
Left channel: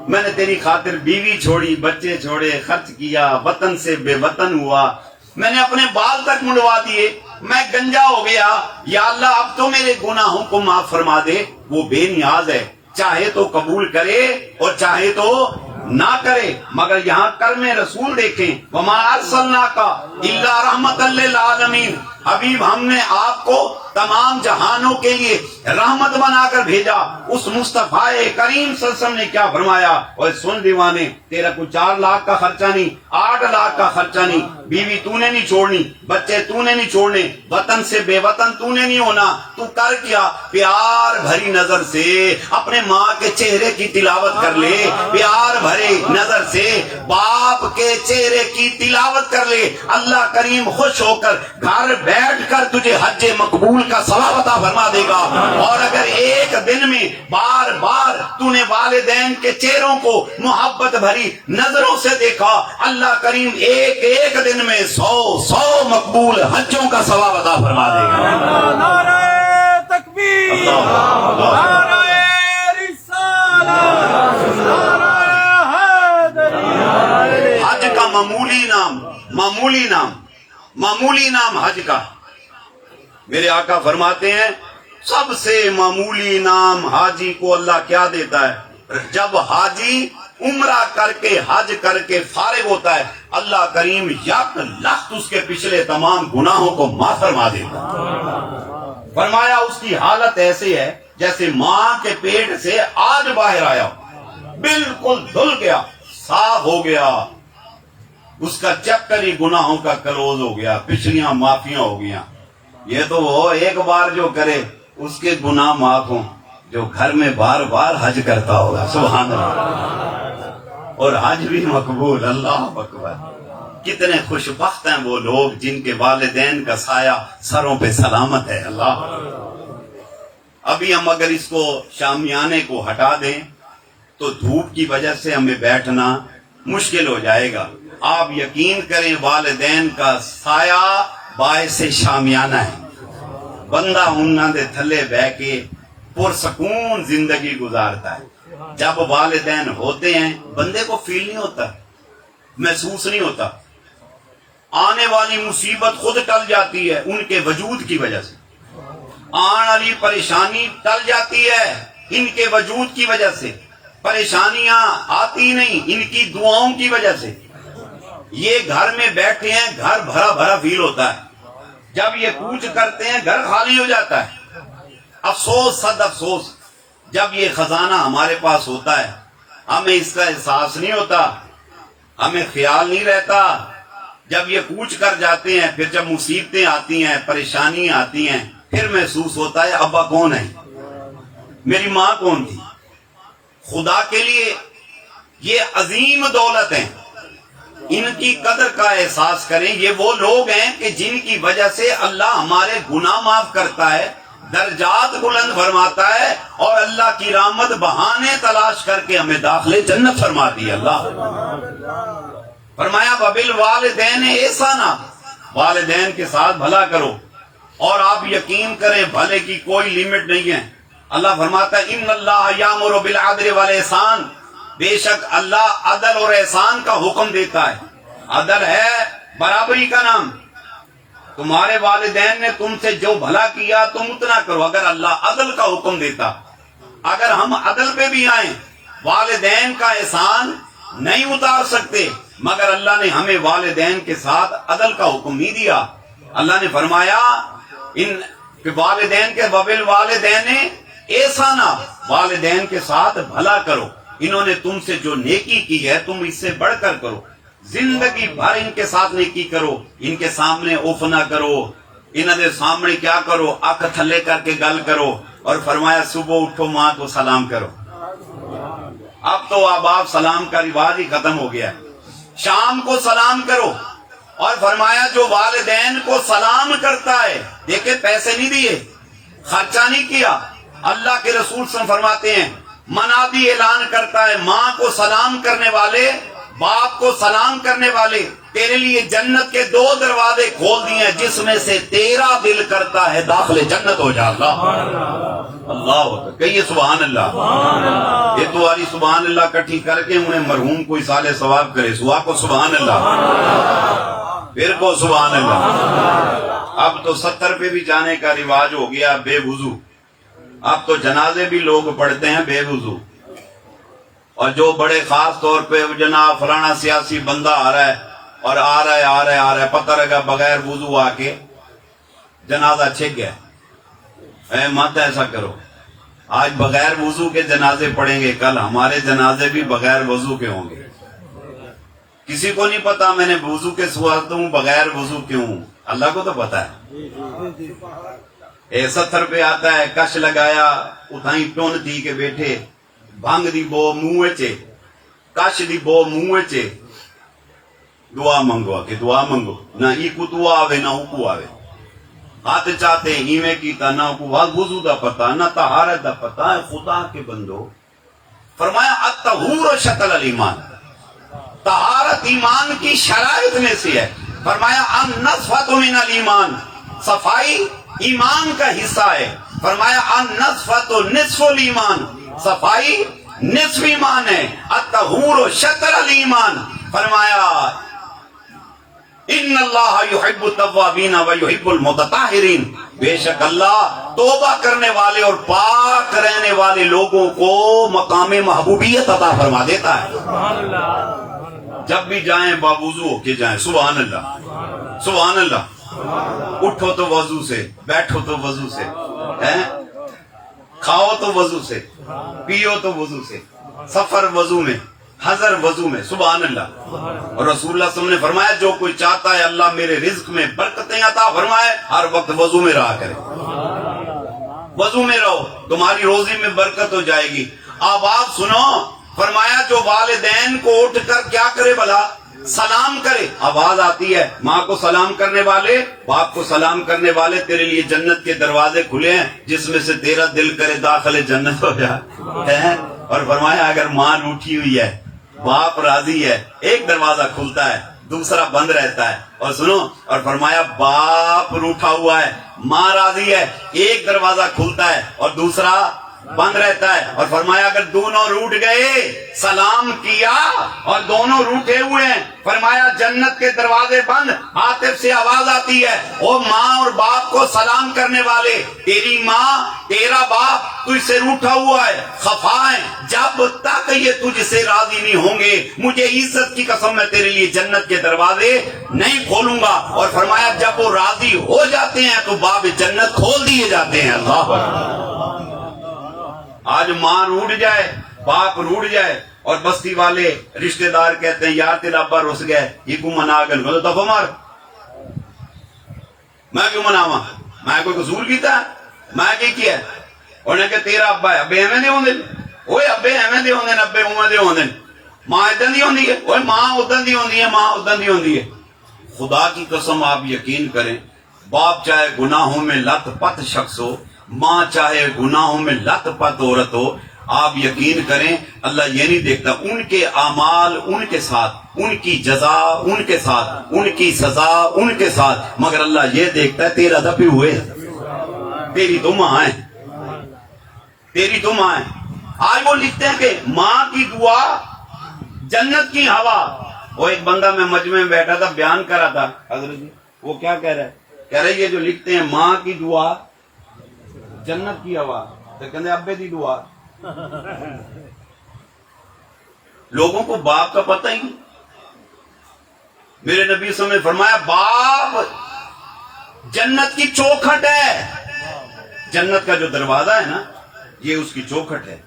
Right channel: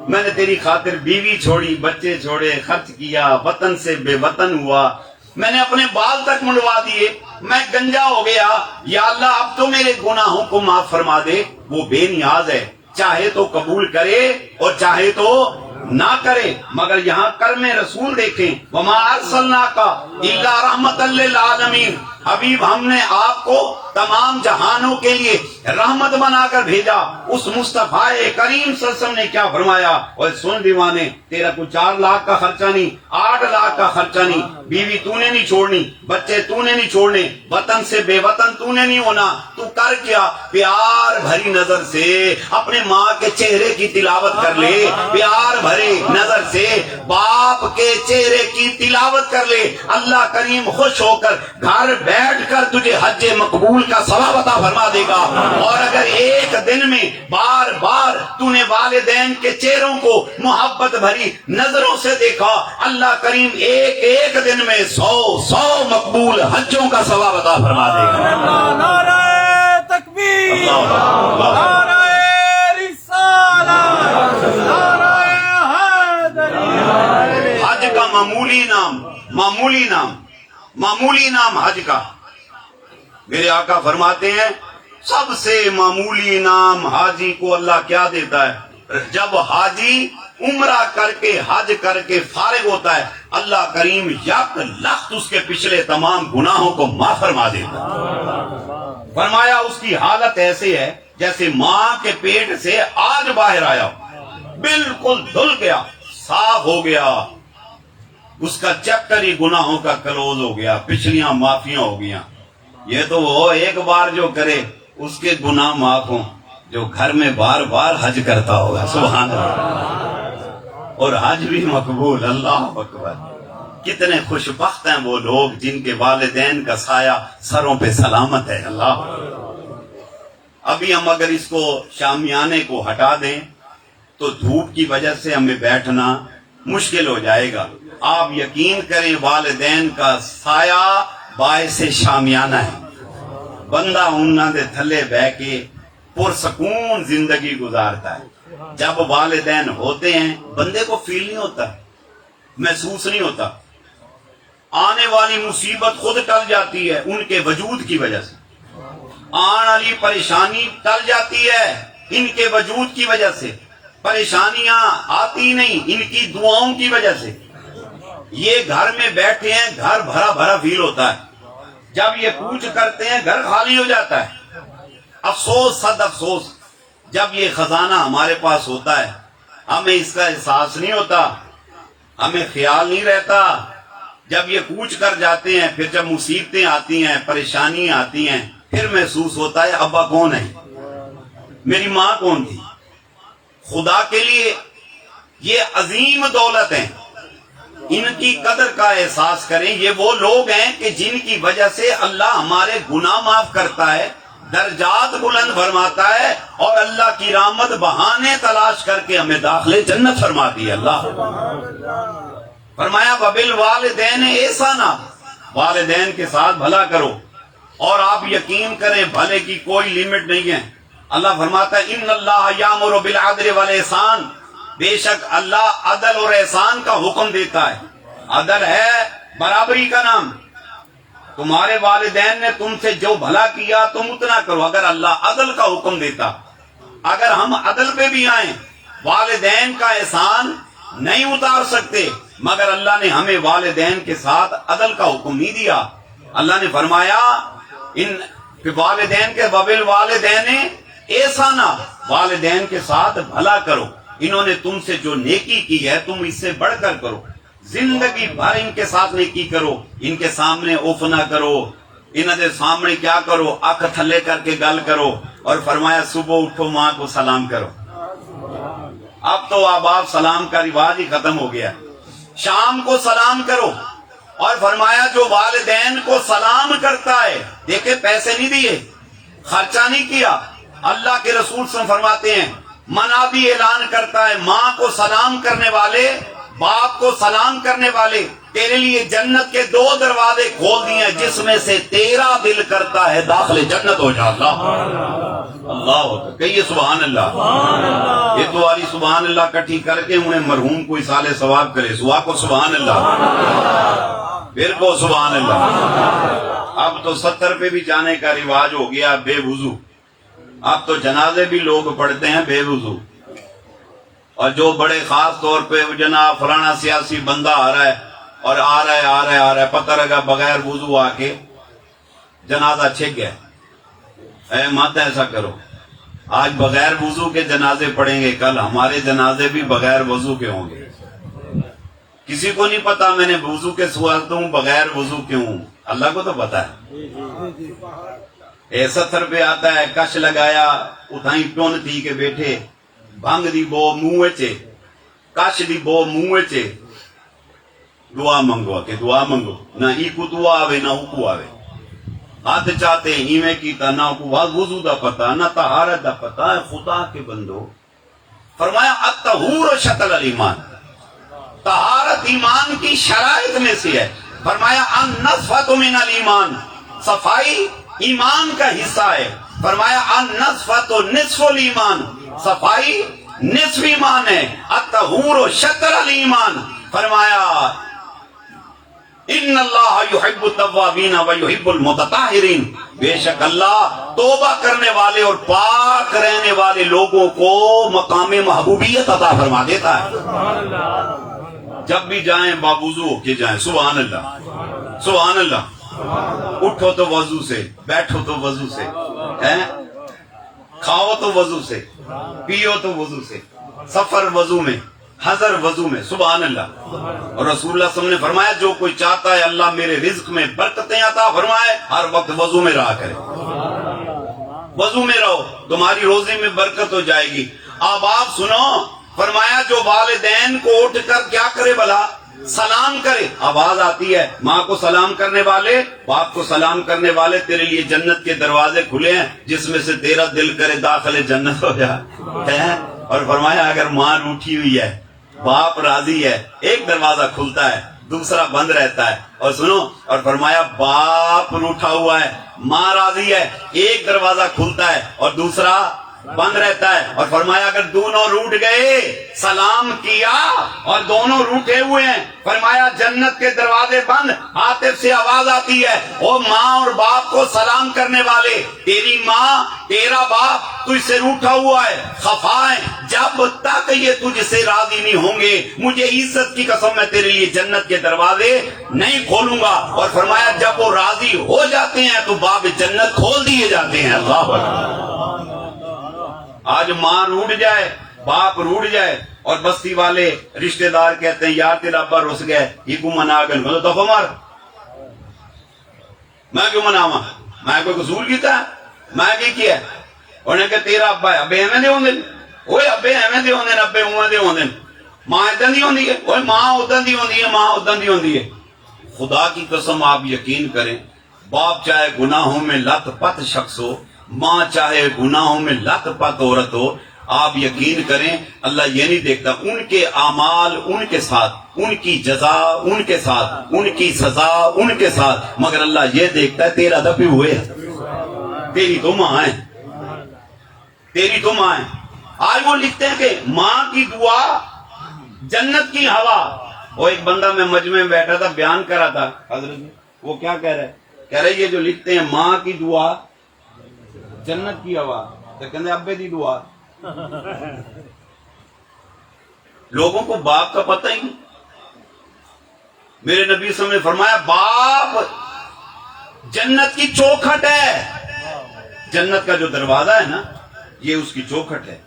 میں نے تیری خاطر بیوی چھوڑی، بچے چھوڑے، خرچ کیا، وطن سے بے وطن ہوا، میں نے اپنے بال تک منڈوا دیے، میں گنجا ہو گیا، یا اللہ اب تو میرے گناہوں کو معاف فرما دے۔ وہ بے نیاز ہے، چاہے تو قبول کرے اور چاہے تو نہ کرے، مگر یہاں کرم رسول دیکھیں، وما ارسلناک الا رحمت للعالمین، حبیب ہم نے آپ کو تمام جہانوں کے لیے رحمت بنا کر بھیجا۔ اس مصطفیٰ کریم صلی اللہ علیہ وسلم نے کیا فرمایا؟ اور سن دیوانے، تیرا کوئی 4 لاکھ کا خرچہ نہیں، 8 لاکھ کا خرچہ نہیں، بیوی تو نے نہیں چھوڑنی، بچے تو نے نہیں چھوڑنے، وطن سے بے وطن تو نے نہیں ہونا، تو کر کیا؟ پیار بھری نظر سے اپنے ماں کے چہرے کی تلاوت کر لے، پیار بھری نظر سے بال آپ کے چہرے کی تلاوت کر لے، اللہ کریم خوش ہو کر گھر بیٹھ کر تجھے حج مقبول کا ثواب عطا فرما دے گا۔ اور اگر ایک دن میں بار بار تو نے والدین کے چہروں کو محبت بھری نظروں سے دیکھا، اللہ کریم ایک ایک دن میں 100 مقبول حجوں کا ثواب عطا فرما دے گا۔ نعرہ تکبیر، اللہ اللہ۔ نعرہ رسالت، نعرہ حیدری۔ حج کا معمولی نام حج کا، میرے آقا فرماتے ہیں سب سے معمولی نام حاجی کو اللہ کیا دیتا ہے؟ جب حاجی عمرہ کر کے حج کر کے فارغ ہوتا ہے، اللہ کریم 1,00,000 اس کے پچھلے تمام گناہوں کو معاف فرما دیتا ہے۔ فرمایا اس کی حالت ایسی ہے جیسے ماں کے پیٹ سے آج باہر آیا ہو، بالکل دھل گیا، صاف ہو گیا، اس کا چیپٹر ہی گناہوں کا کلوز ہو گیا، پچھلیاں معافیاں ہو گیا۔ یہ تو وہ ایک بار جو کرے اس کے گناہ معاف ہوں جو گھر میں بار بار حج کرتا ہوگا، سبحان اللہ، اور حج بھی مقبول۔ اللہ اکبر۔ کتنے خوش بخت ہیں وہ لوگ جن کے والدین کا سایہ سروں پہ سلامت ہے۔ اللہ، ابھی ہم اگر اس کو شامیانے کو ہٹا دیں تو دھوپ کی وجہ سے ہمیں بیٹھنا مشکل ہو جائے گا۔ آپ یقین کریں والدین کا سایہ باعث شامیانہ ہے، بندہ انہاں دے تھلے بہ کے پرسکون زندگی گزارتا ہے۔ جب والدین ہوتے ہیں بندے کو فیل نہیں ہوتا، محسوس نہیں ہوتا، آنے والی مصیبت خود ٹل جاتی ہے ان کے وجود کی وجہ سے، آنے والی پریشانی ٹل جاتی ہے ان کے وجود کی وجہ سے، پریشانیاں آتی نہیں ان کی دعاؤں کی وجہ سے۔ یہ گھر میں بیٹھے ہیں، گھر بھرا بھرا فیل ہوتا ہے، جب یہ کوچ کرتے ہیں گھر خالی ہو جاتا ہے۔ افسوس صد افسوس، جب یہ خزانہ ہمارے پاس ہوتا ہے ہمیں اس کا احساس نہیں ہوتا، ہمیں خیال نہیں رہتا۔ جب یہ کوچ کر جاتے ہیں، پھر جب مصیبتیں آتی ہیں، پریشانیاں آتی ہیں، پھر محسوس ہوتا ہے ابا کون ہے، میری ماں کون تھی۔ خدا کے لیے یہ عظیم دولت ہیں، ان کی قدر کا احساس کریں۔ یہ وہ لوگ ہیں کہ جن کی وجہ سے اللہ ہمارے گناہ معاف کرتا ہے، درجات بلند فرماتا ہے، اور اللہ کی رحمت بہانے تلاش کر کے ہمیں داخلے جنت فرما دی۔ اللہ فرمایا وبالوالدین احسانا، والدین کے ساتھ بھلا کرو، اور آپ یقین کریں بھلے کی کوئی لیمٹ نہیں ہے۔ اللہ فرماتا ہے ان اللہ یامر بالعدل والاحسان، بے شک اللہ عدل اور احسان کا حکم دیتا ہے۔ عدل ہے برابری کا نام، تمہارے والدین نے تم سے جو بھلا کیا تم اتنا کرو۔ اگر اللہ عدل کا حکم دیتا، اگر ہم عدل پہ بھی آئیں، والدین کا احسان نہیں اتار سکتے، مگر اللہ نے ہمیں والدین کے ساتھ عدل کا حکم نہیں دیا۔ اللہ نے فرمایا ان والدین کے وبالوالدین احسانا، والدین کے ساتھ بھلا کرو، انہوں نے تم سے جو نیکی کی ہے تم اس سے بڑھ کر کرو، زندگی بھر ان کے ساتھ نیکی کرو، ان کے سامنے اوف نہ کرو، انہوں نے سامنے کیا کرو، آنکھ تھلے کر کے گل کرو، اور فرمایا صبح اٹھو ماں کو سلام کرو۔ اب تو آپ سلام کا رواج ہی ختم ہو گیا، شام کو سلام کرو، اور فرمایا جو والدین کو سلام کرتا ہے، دیکھیں پیسے نہیں دیے، خرچہ نہیں کیا، اللہ کے رسول صلی اللہ علیہ وسلم فرماتے ہیں منادی اعلان کرتا ہے ماں کو سلام کرنے والے، باپ کو سلام کرنے والے، تیرے لیے جنت کے 2 دروازے کھول دیے ہیں، جس میں سے تیرا دل کرتا ہے داخل جنت ہو جا۔ اللہ کہیے سبحان اللہ۔ یہ تو والی سبحان اللہ کٹھی کر کے انہیں مرحوم کو اصالے ثواب کرے، سوا کو سبحان اللہ، پھر کو سبحان اللہ۔ اب تو 70 پہ بھی جانے کا رواج ہو گیا بے وضو، اب تو جنازے بھی لوگ پڑھتے ہیں بے وضو، اور جو بڑے خاص طور پہ جناب فلانا سیاسی بندہ آ رہا ہے اور آ رہا ہے پتہ لگا بغیر وضو آ کے جنازہ چھک گیا، اے مت ایسا کرو، آج بغیر وضو کے جنازے پڑھیں گے، کل ہمارے جنازے بھی بغیر وضو کے ہوں گے۔ کسی کو نہیں پتا میں نے وضو کے سوالتا ہوں بغیر وضو کیوں ہوں، اللہ کو تو پتا ہے۔ 70 پہ آتا ہے کش لگایا اتھائی ٹون تھی کے بیٹھے، بھنگ دی بو منہ چے، کش دی بو منہ چے، دعا منگو کہ دعا منگو نہ ایکو دعا آوے نہ اوکو آوے ہاتھ چاہتے ایویں کیتا نہ کو وضو دا پتا نہ طہارت دا پتا ہے خدا کے بندو فرمایا الطہور شطر الایمان طہارت ایمان کی شرائط میں سے ہے فرمایا النصفۃ من الایمان صفائی ایمان کا حصہ ہے فرمایا النصفۃ نصف الایمان صفائی نصف ایمان ہے الطہور شطر الایمان فرمایا ان اللہ یحب التوابین ویحب المتطہرین بے شک اللہ توبہ کرنے والے اور پاک رہنے والے لوگوں کو مقام محبوبیت عطا فرما دیتا ہے جب بھی جائیں باوضو ہو کے جائیں سبحان اللہ سبحان اللہ اٹھو تو وضو سے بیٹھو تو وضو سے کھاؤ تو وضو سے پیو تو وضو سے سفر وضو میں حضر وضو میں سبحان اللہ اور رسول اللہ صلی اللہ علیہ وسلم نے فرمایا جو کوئی چاہتا ہے اللہ میرے رزق میں برکتیں عطا فرمائے ہر وقت وضو میں رہا کرے وضو میں رہو تمہاری روزی میں برکت ہو جائے گی اب آپ سنو فرمایا جو والدین کو اٹھ کر کیا کرے بھلا سلام کرے آواز آتی ہے ماں کو سلام کرنے والے باپ کو سلام کرنے والے تیرے لیے جنت کے دروازے کھلے ہیں جس میں سے تیرا دل کرے داخل جنت ہو جائے اور فرمایا اگر ماں روٹھی ہوئی ہے باپ راضی ہے ایک دروازہ کھلتا ہے دوسرا بند رہتا ہے اور سنو اور فرمایا باپ روٹھا ہوا ہے ماں راضی ہے ایک دروازہ کھلتا ہے اور دوسرا بند رہتا ہے اور فرمایا اگر دونوں روٹ گئے سلام کیا اور دونوں روٹے ہوئے ہیں فرمایا جنت کے دروازے بند عاطف سے آواز آتی ہے او ماں اور باپ کو سلام کرنے والے تیری ماں تیرا باپ تجھ سے روٹا ہوا ہے خفا ہے جب تک یہ تجھ سے راضی نہیں ہوں گے مجھے عزت کی قسم میں تیرے لیے جنت کے دروازے نہیں کھولوں گا اور فرمایا جب وہ راضی ہو جاتے ہیں تو باب جنت کھول دیے جاتے ہیں اللہ اکبر آج ماں روٹ جائے باپ روٹ جائے اور بستی والے رشتہ دار کہتے ہیں یار تیرا ابا رس گئے یہ کو منا گئے میں تو دفعہ مار میں کیوں مناواں میں کوئی قصور کیتا ہے میں کیا انہیں کہ تیرا ابا ہے ابے ایویں دے ہوندے اوے ابے ایویں دے ہوندے ابے اوویں دے ہوندے ماں اداں دی ہوندی ہے اوے ماں اداں دی ہوندی ہے ماں اداں دی ہوندی ہے خدا کی قسم آپ یقین کریں باپ چاہے گناہوں میں لت پت شخص ہو ماں چاہے گناہوں میں لت پت عورت ہو آپ یقین کریں اللہ یہ نہیں دیکھتا ان کے اعمال ان کے ساتھ ان کی جزا ان کے ساتھ ان کی سزا ان کے ساتھ مگر اللہ یہ دیکھتا ہے تیرا دبی ہوئے تیری تو ماں ہے تیری تو ماں ہے آج وہ لکھتے ہیں کہ ماں کی دعا جنت کی ہوا وہ ایک بندہ میں مجمع میں بیٹھا تھا بیان کرا تھا حضرت وہ کیا کہہ رہے یہ جو لکھتے ہیں ماں کی دعا جنت کی ہوا تو کہتے ابے دی دعا لوگوں کو باپ کا پتہ ہی نہیں میرے نبی صلی اللہ علیہ وسلم نے فرمایا باپ جنت کی چوکھٹ ہے جنت کا جو دروازہ ہے نا یہ اس کی چوکھٹ ہے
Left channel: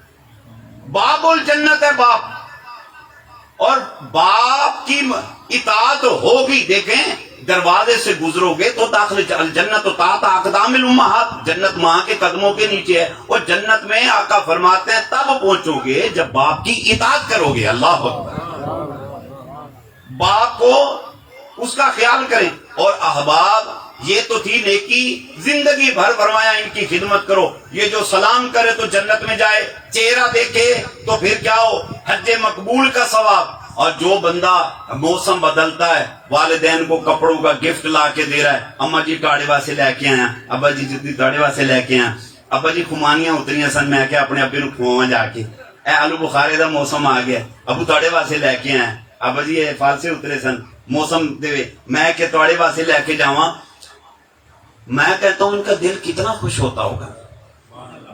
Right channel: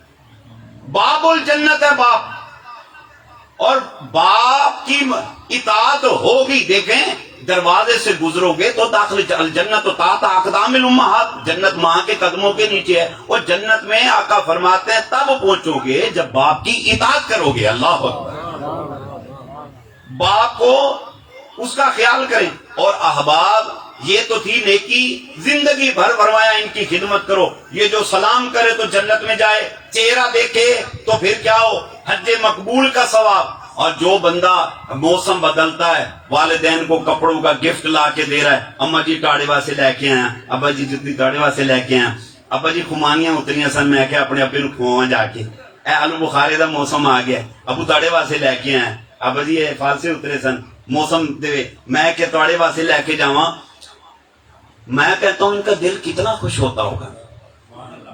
باب الجنت ہے باپ اور باپ کی اطاعت ہوگی دیکھیں دروازے سے گزرو گے تو داخل الجنت و تحت اقدام الامہات جنت ماں کے قدموں کے نیچے ہے اور جنت میں آقا فرماتے ہیں تب پہنچو گے جب باپ کی اطاعت کرو گے اللہ اکبر باپ کو اس کا خیال کریں اور احباب یہ تو تھی نیکی زندگی بھر فرمایا ان کی خدمت کرو یہ جو سلام کرے تو جنت میں جائے چہرہ دیکھے تو پھر کیا ہو حج مقبول کا ثواب اور جو بندہ موسم بدلتا ہے والدین کو کپڑوں کا گفٹ لا کے دے رہا ہے اما جی ٹاڑے سے لے کے آیا ابا جی جتنی ٹاڑے سے لے کے آیا ابا جی خمانیاں اتریاں سن میں کہ اپنے ابے نو کھواواں جا کے اے آلو بخارے دا موسم آ گیا ابو ٹاڑے سے لے کے آیا ابا جی یہ فالسے اترے سن موسم دے میں کہ ٹاڑے سے لے کے جاواں میں کہتا ہوں ان کا دل کتنا خوش ہوتا ہوگا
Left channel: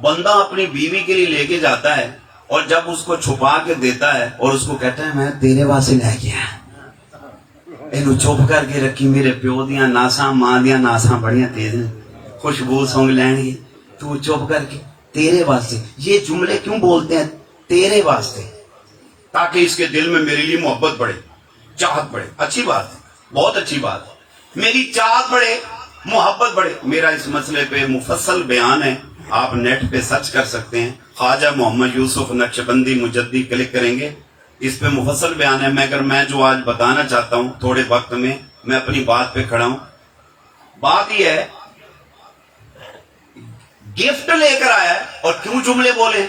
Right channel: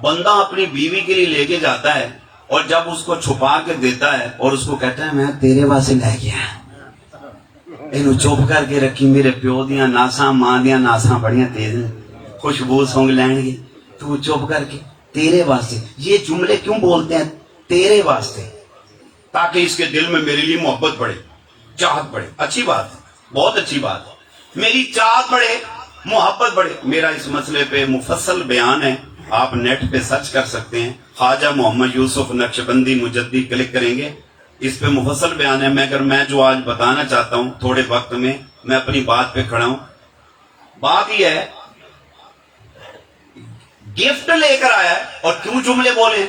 بندہ اپنی بیوی کے لیے لے کے جاتا ہے اور جب اس کو چھپا کے دیتا ہے اور اس کو کہتا ہے میں تیرے واسطے لے گیا اینو چپ کر کے رکھی میرے پیو دیاں ناساں ماں دیاں ناساں بڑیاں تیز ہیں خوشبو سونگ لین گے تو چپ کر کے تیرے واسطے یہ جملے کیوں بولتے ہیں تیرے واسطے تاکہ اس کے دل میں میرے لیے محبت بڑھے چاہت بڑھے اچھی بات ہے بہت اچھی بات ہے میری چاہت بڑھے محبت بڑھے میرا اس مسئلے پہ مفصل بیان ہے آپ نیٹ پہ سرچ کر سکتے ہیں خواجہ محمد یوسف نقشبندی مجدی کلک کریں گے اس پہ مفصل بیان ہے، مگر میں جو آج بتانا چاہتا ہوں تھوڑے وقت میں، میں اپنی بات پہ کھڑا ہوں. بات یہ ہے، گفٹ لے کر آیا ہے اور کیوں جملے بولے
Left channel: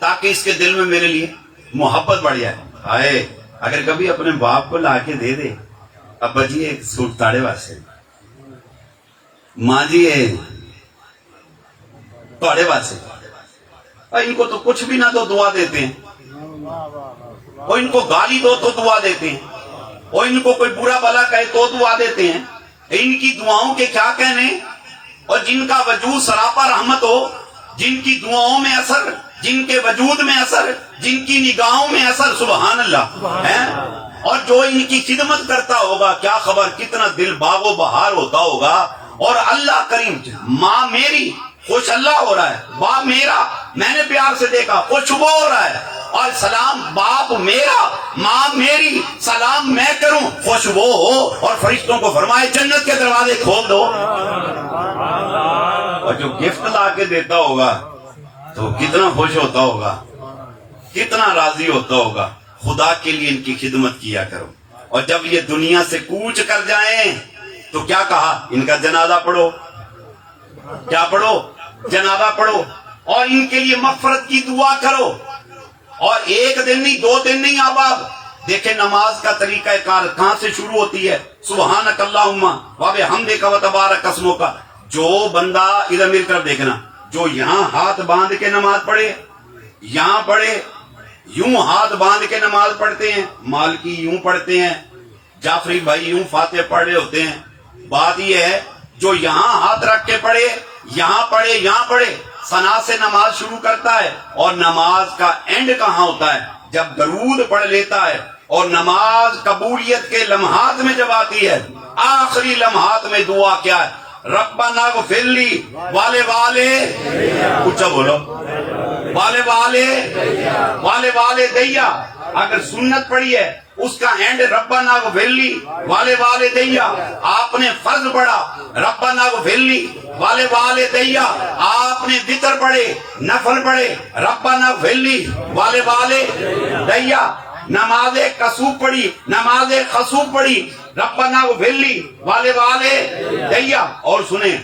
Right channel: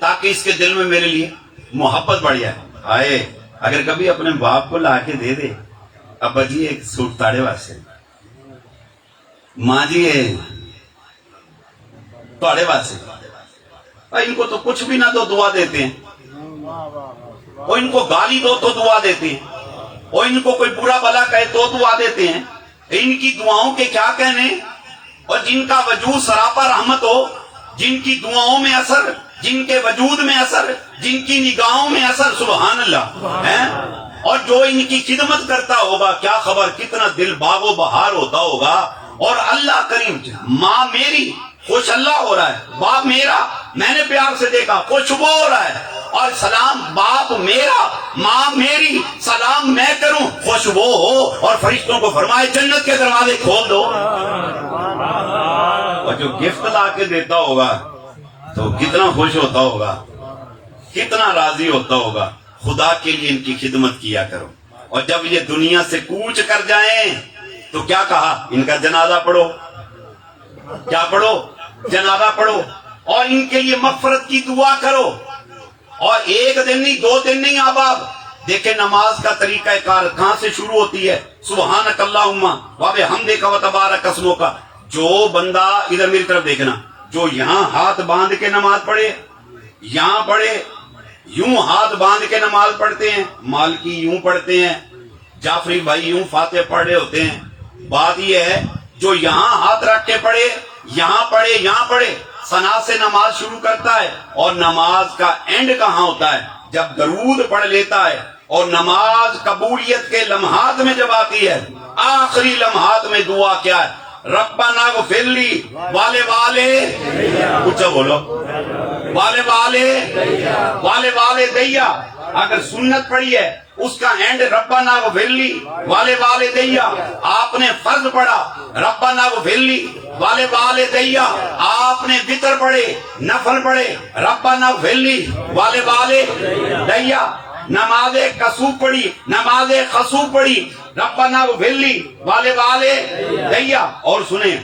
تاکہ اس کے دل میں میرے لیے محبت بڑھ جائے. آئے اگر کبھی اپنے باپ کو لا کے دے دے، ابا جی ایک سوٹ تاڑے واسطے، ماں جی تاڑے واسطے، ان کو تو کچھ بھی نہ دو دعا دیتے ہیں، اور ان کو گالی دو تو دعا دیتے ہیں، اور ان کو کوئی برا بلا کہے تو دعا دیتے ہیں. ان کی دعاؤں کے کیا کہنے، اور جن کا وجود سراپا رحمت ہو، جن کی دعاؤں میں اثر، جن کے وجود میں اثر، جن کی نگاہوں میں اثر، سبحان اللہ ہے. اور جو ان کی خدمت کرتا ہوگا، کیا خبر کتنا دل باغ و بہار ہوتا ہوگا. اور اللہ کریم، ماں میری خوش اللہ ہو رہا ہے، باپ میرا میں نے پیار سے دیکھا خوشبو ہو رہا ہے، اور سلام باپ میرا ماں میری سلام میں کروں خوشبو ہو. اور فرشتوں کو فرمائے جنت کے دروازے کھول دو. اور جو گفٹ لا کے دیتا ہوگا تو کتنا خوش ہوتا ہوگا، کتنا راضی ہوتا ہوگا. خدا کے لیے ان کی خدمت کیا کرو. اور جب یہ دنیا سے کوچ کر جائیں تو کیا کہا، ان کا جنازہ پڑھو. کیا پڑھو؟ جنازہ پڑھو، اور ان کے لیے مغفرت کی دعا کرو. اور ایک دن نہیں، 2 دن نہیں احباب. دیکھیں نماز کا طریقہ کار کہاں سے شروع ہوتی ہے، سبحانک اللہم و بحمدک و تبارک اسمک. جو بندہ ادھر میری طرف دیکھنا، جو یہاں ہاتھ باندھ کے نماز پڑھے، یہاں پڑھے، یوں ہاتھ باندھ کے نماز پڑھتے ہیں، مالکی یوں پڑھتے ہیں، جعفری بھائی یوں فاتح پڑھ رہے ہوتے ہیں. بات یہ ہے جو یہاں ہاتھ رکھ کے پڑھے، یہاں پڑھے، یہاں پڑھے، ثنا سے نماز شروع کرتا ہے. اور نماز کا اینڈ کہاں ہوتا ہے، جب درود پڑھ لیتا ہے. اور نماز قبولیت کے لمحات میں جب آتی ہے، آخری لمحات میں دعا کیا ہے، ربنا اغفر لی والے والے، اچھا بولو، والے والے، والے والے دیا. اگر سنت پڑھی ہے اس کا اینڈ ربنا اغفر لی والے والے دیا. آپ نے فرض پڑھا ربنا اغفر لی والے والے دیا. آپ نے وتر پڑھے، نفل پڑھے، ربنا اغفر لی والے والے دیا. نماز کسوف پڑھی، نماز خسوف پڑھی، ربنا اغفر لی والے والے دیا. اور سنیں،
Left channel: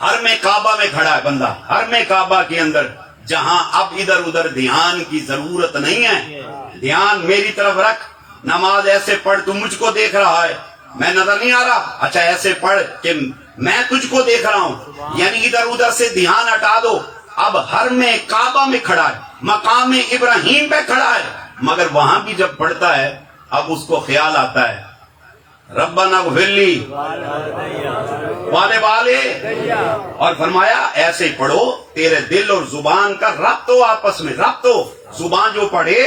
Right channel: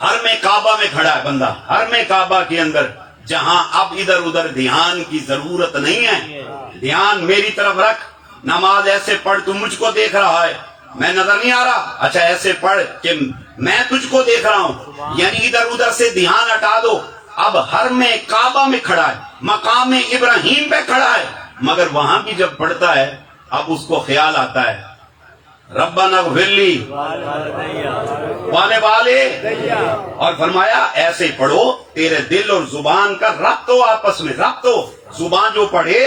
حرم کعبہ میں کھڑا ہے بندہ، حرم کعبہ کے اندر، جہاں اب ادھر ادھر دھیان کی ضرورت نہیں ہے. دھیان میری طرف رکھ. نماز ایسے پڑھ، تو مجھ کو دیکھ رہا ہے، میں نظر نہیں آ رہا، اچھا ایسے پڑھ کہ میں تجھ کو دیکھ رہا ہوں. یعنی ادھر ادھر سے دھیان ہٹا دو. اب حرم کعبہ میں کھڑا ہے، مقام ابراہیم پہ کھڑا ہے، مگر وہاں بھی جب پڑھتا ہے اب اس کو خیال آتا ہے ربنا اغفر لی والے والے. اور فرمایا ایسے پڑھو، تیرے دل اور زبان کا ربط ہو، آپس میں ربط ہو. زبان جو پڑھے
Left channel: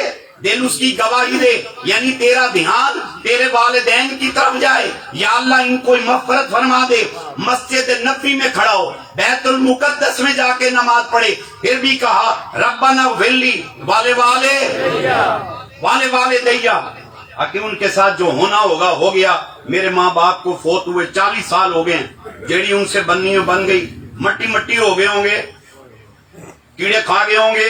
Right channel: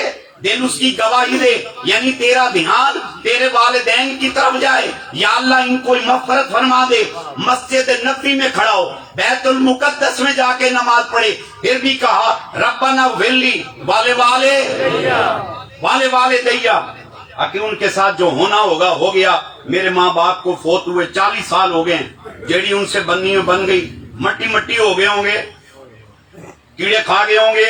دل اس کی گواہی دے، یعنی تیرا دھیان تیرے والدین کی طرف جائے. یا اللہ ان کو مغفرت فرما دے. مسجد نبوی میں کھڑا ہو، بیت المقدس میں جا کے نماز پڑھے، پھر بھی کہا ربنا اغفر لی والے والے، والے والے دیا. کہ ان کے ساتھ جو ہونا ہوگا ہو گیا. میرے ماں باپ کو فوت ہوئے 40 سال ہو گئے ہیں، جیڑی ان سے بننی بن گئی، مٹی مٹی ہو گئے ہوں گے، کیڑے کھا گئے ہوں گے،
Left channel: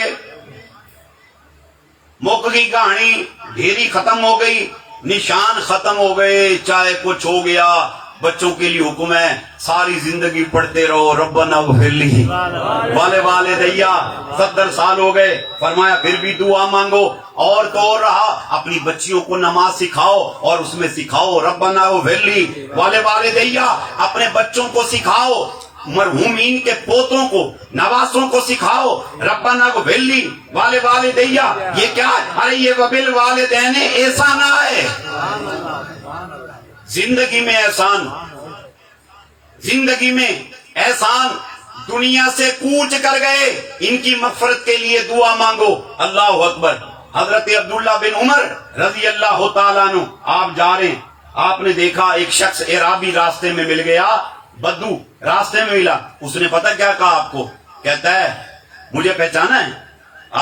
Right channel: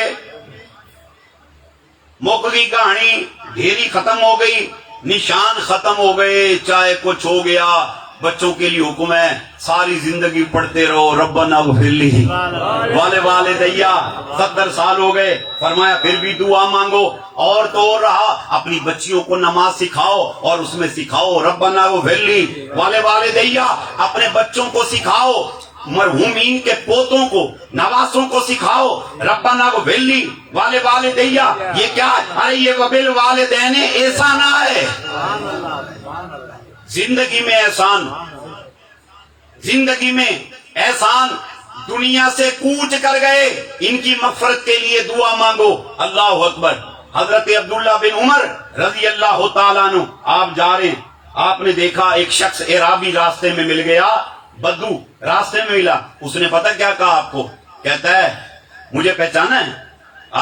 موک گئی کہانی، ڈھیری ختم ہو گئی، نشان ختم ہو گئے، چاہے کچھ ہو گیا. بچوں کے لیے حکم ہے ساری زندگی پڑھتے رہو ربنا اغفر لی والے والے دیا. 70 سال ہو گئے، فرمایا پھر بھی دعا مانگو. اور تو اور رہا، اپنی بچیوں کو نماز سکھاؤ اور اس میں سکھاؤ ربنا اغفر لی والے والے دیا. اپنے بچوں کو سکھاؤ، مرحومین کے پوتوں کو، نواسوں کو سکھاؤ ربنا اغفر لی والے والے دیا. یہ کیا ہے؟ ارے یہ وبل والدین احسان ہے. زندگی میں احسان، زندگی میں احسان. دنیا سے کوچ کر گئے، ان کی مغفرت کے لیے دعا مانگو. اللہ اکبر. حضرت عبداللہ بن عمر رضی اللہ تعالیٰ عنہ، آپ جا رہے ہیں، آپ نے دیکھا ایک شخص اعرابی راستے میں مل گیا، بدو راستے میں ملا. اس نے پتہ کیا کہا آپ کو؟ کہتا ہے مجھے پہچانا ہے؟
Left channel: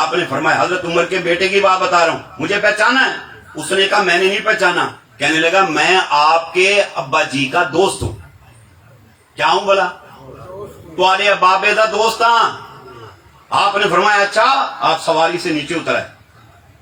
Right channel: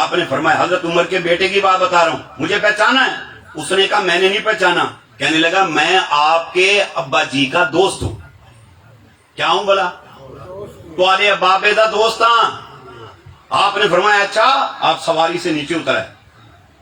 آپ نے فرمایا حضرت عمر کے بیٹے کی بات بتا رہا ہوں، مجھے پہچانا ہے؟ اس نے کہا میں نے نہیں پہچانا. کہنے لگا میں آپ کے ابا جی کا دوست ہوں. کیا ہوں بلا؟ تمہارے ابابے دا دوست ہاں. آپ نے فرمایا اچھا. آپ سواری سے نیچے اترے،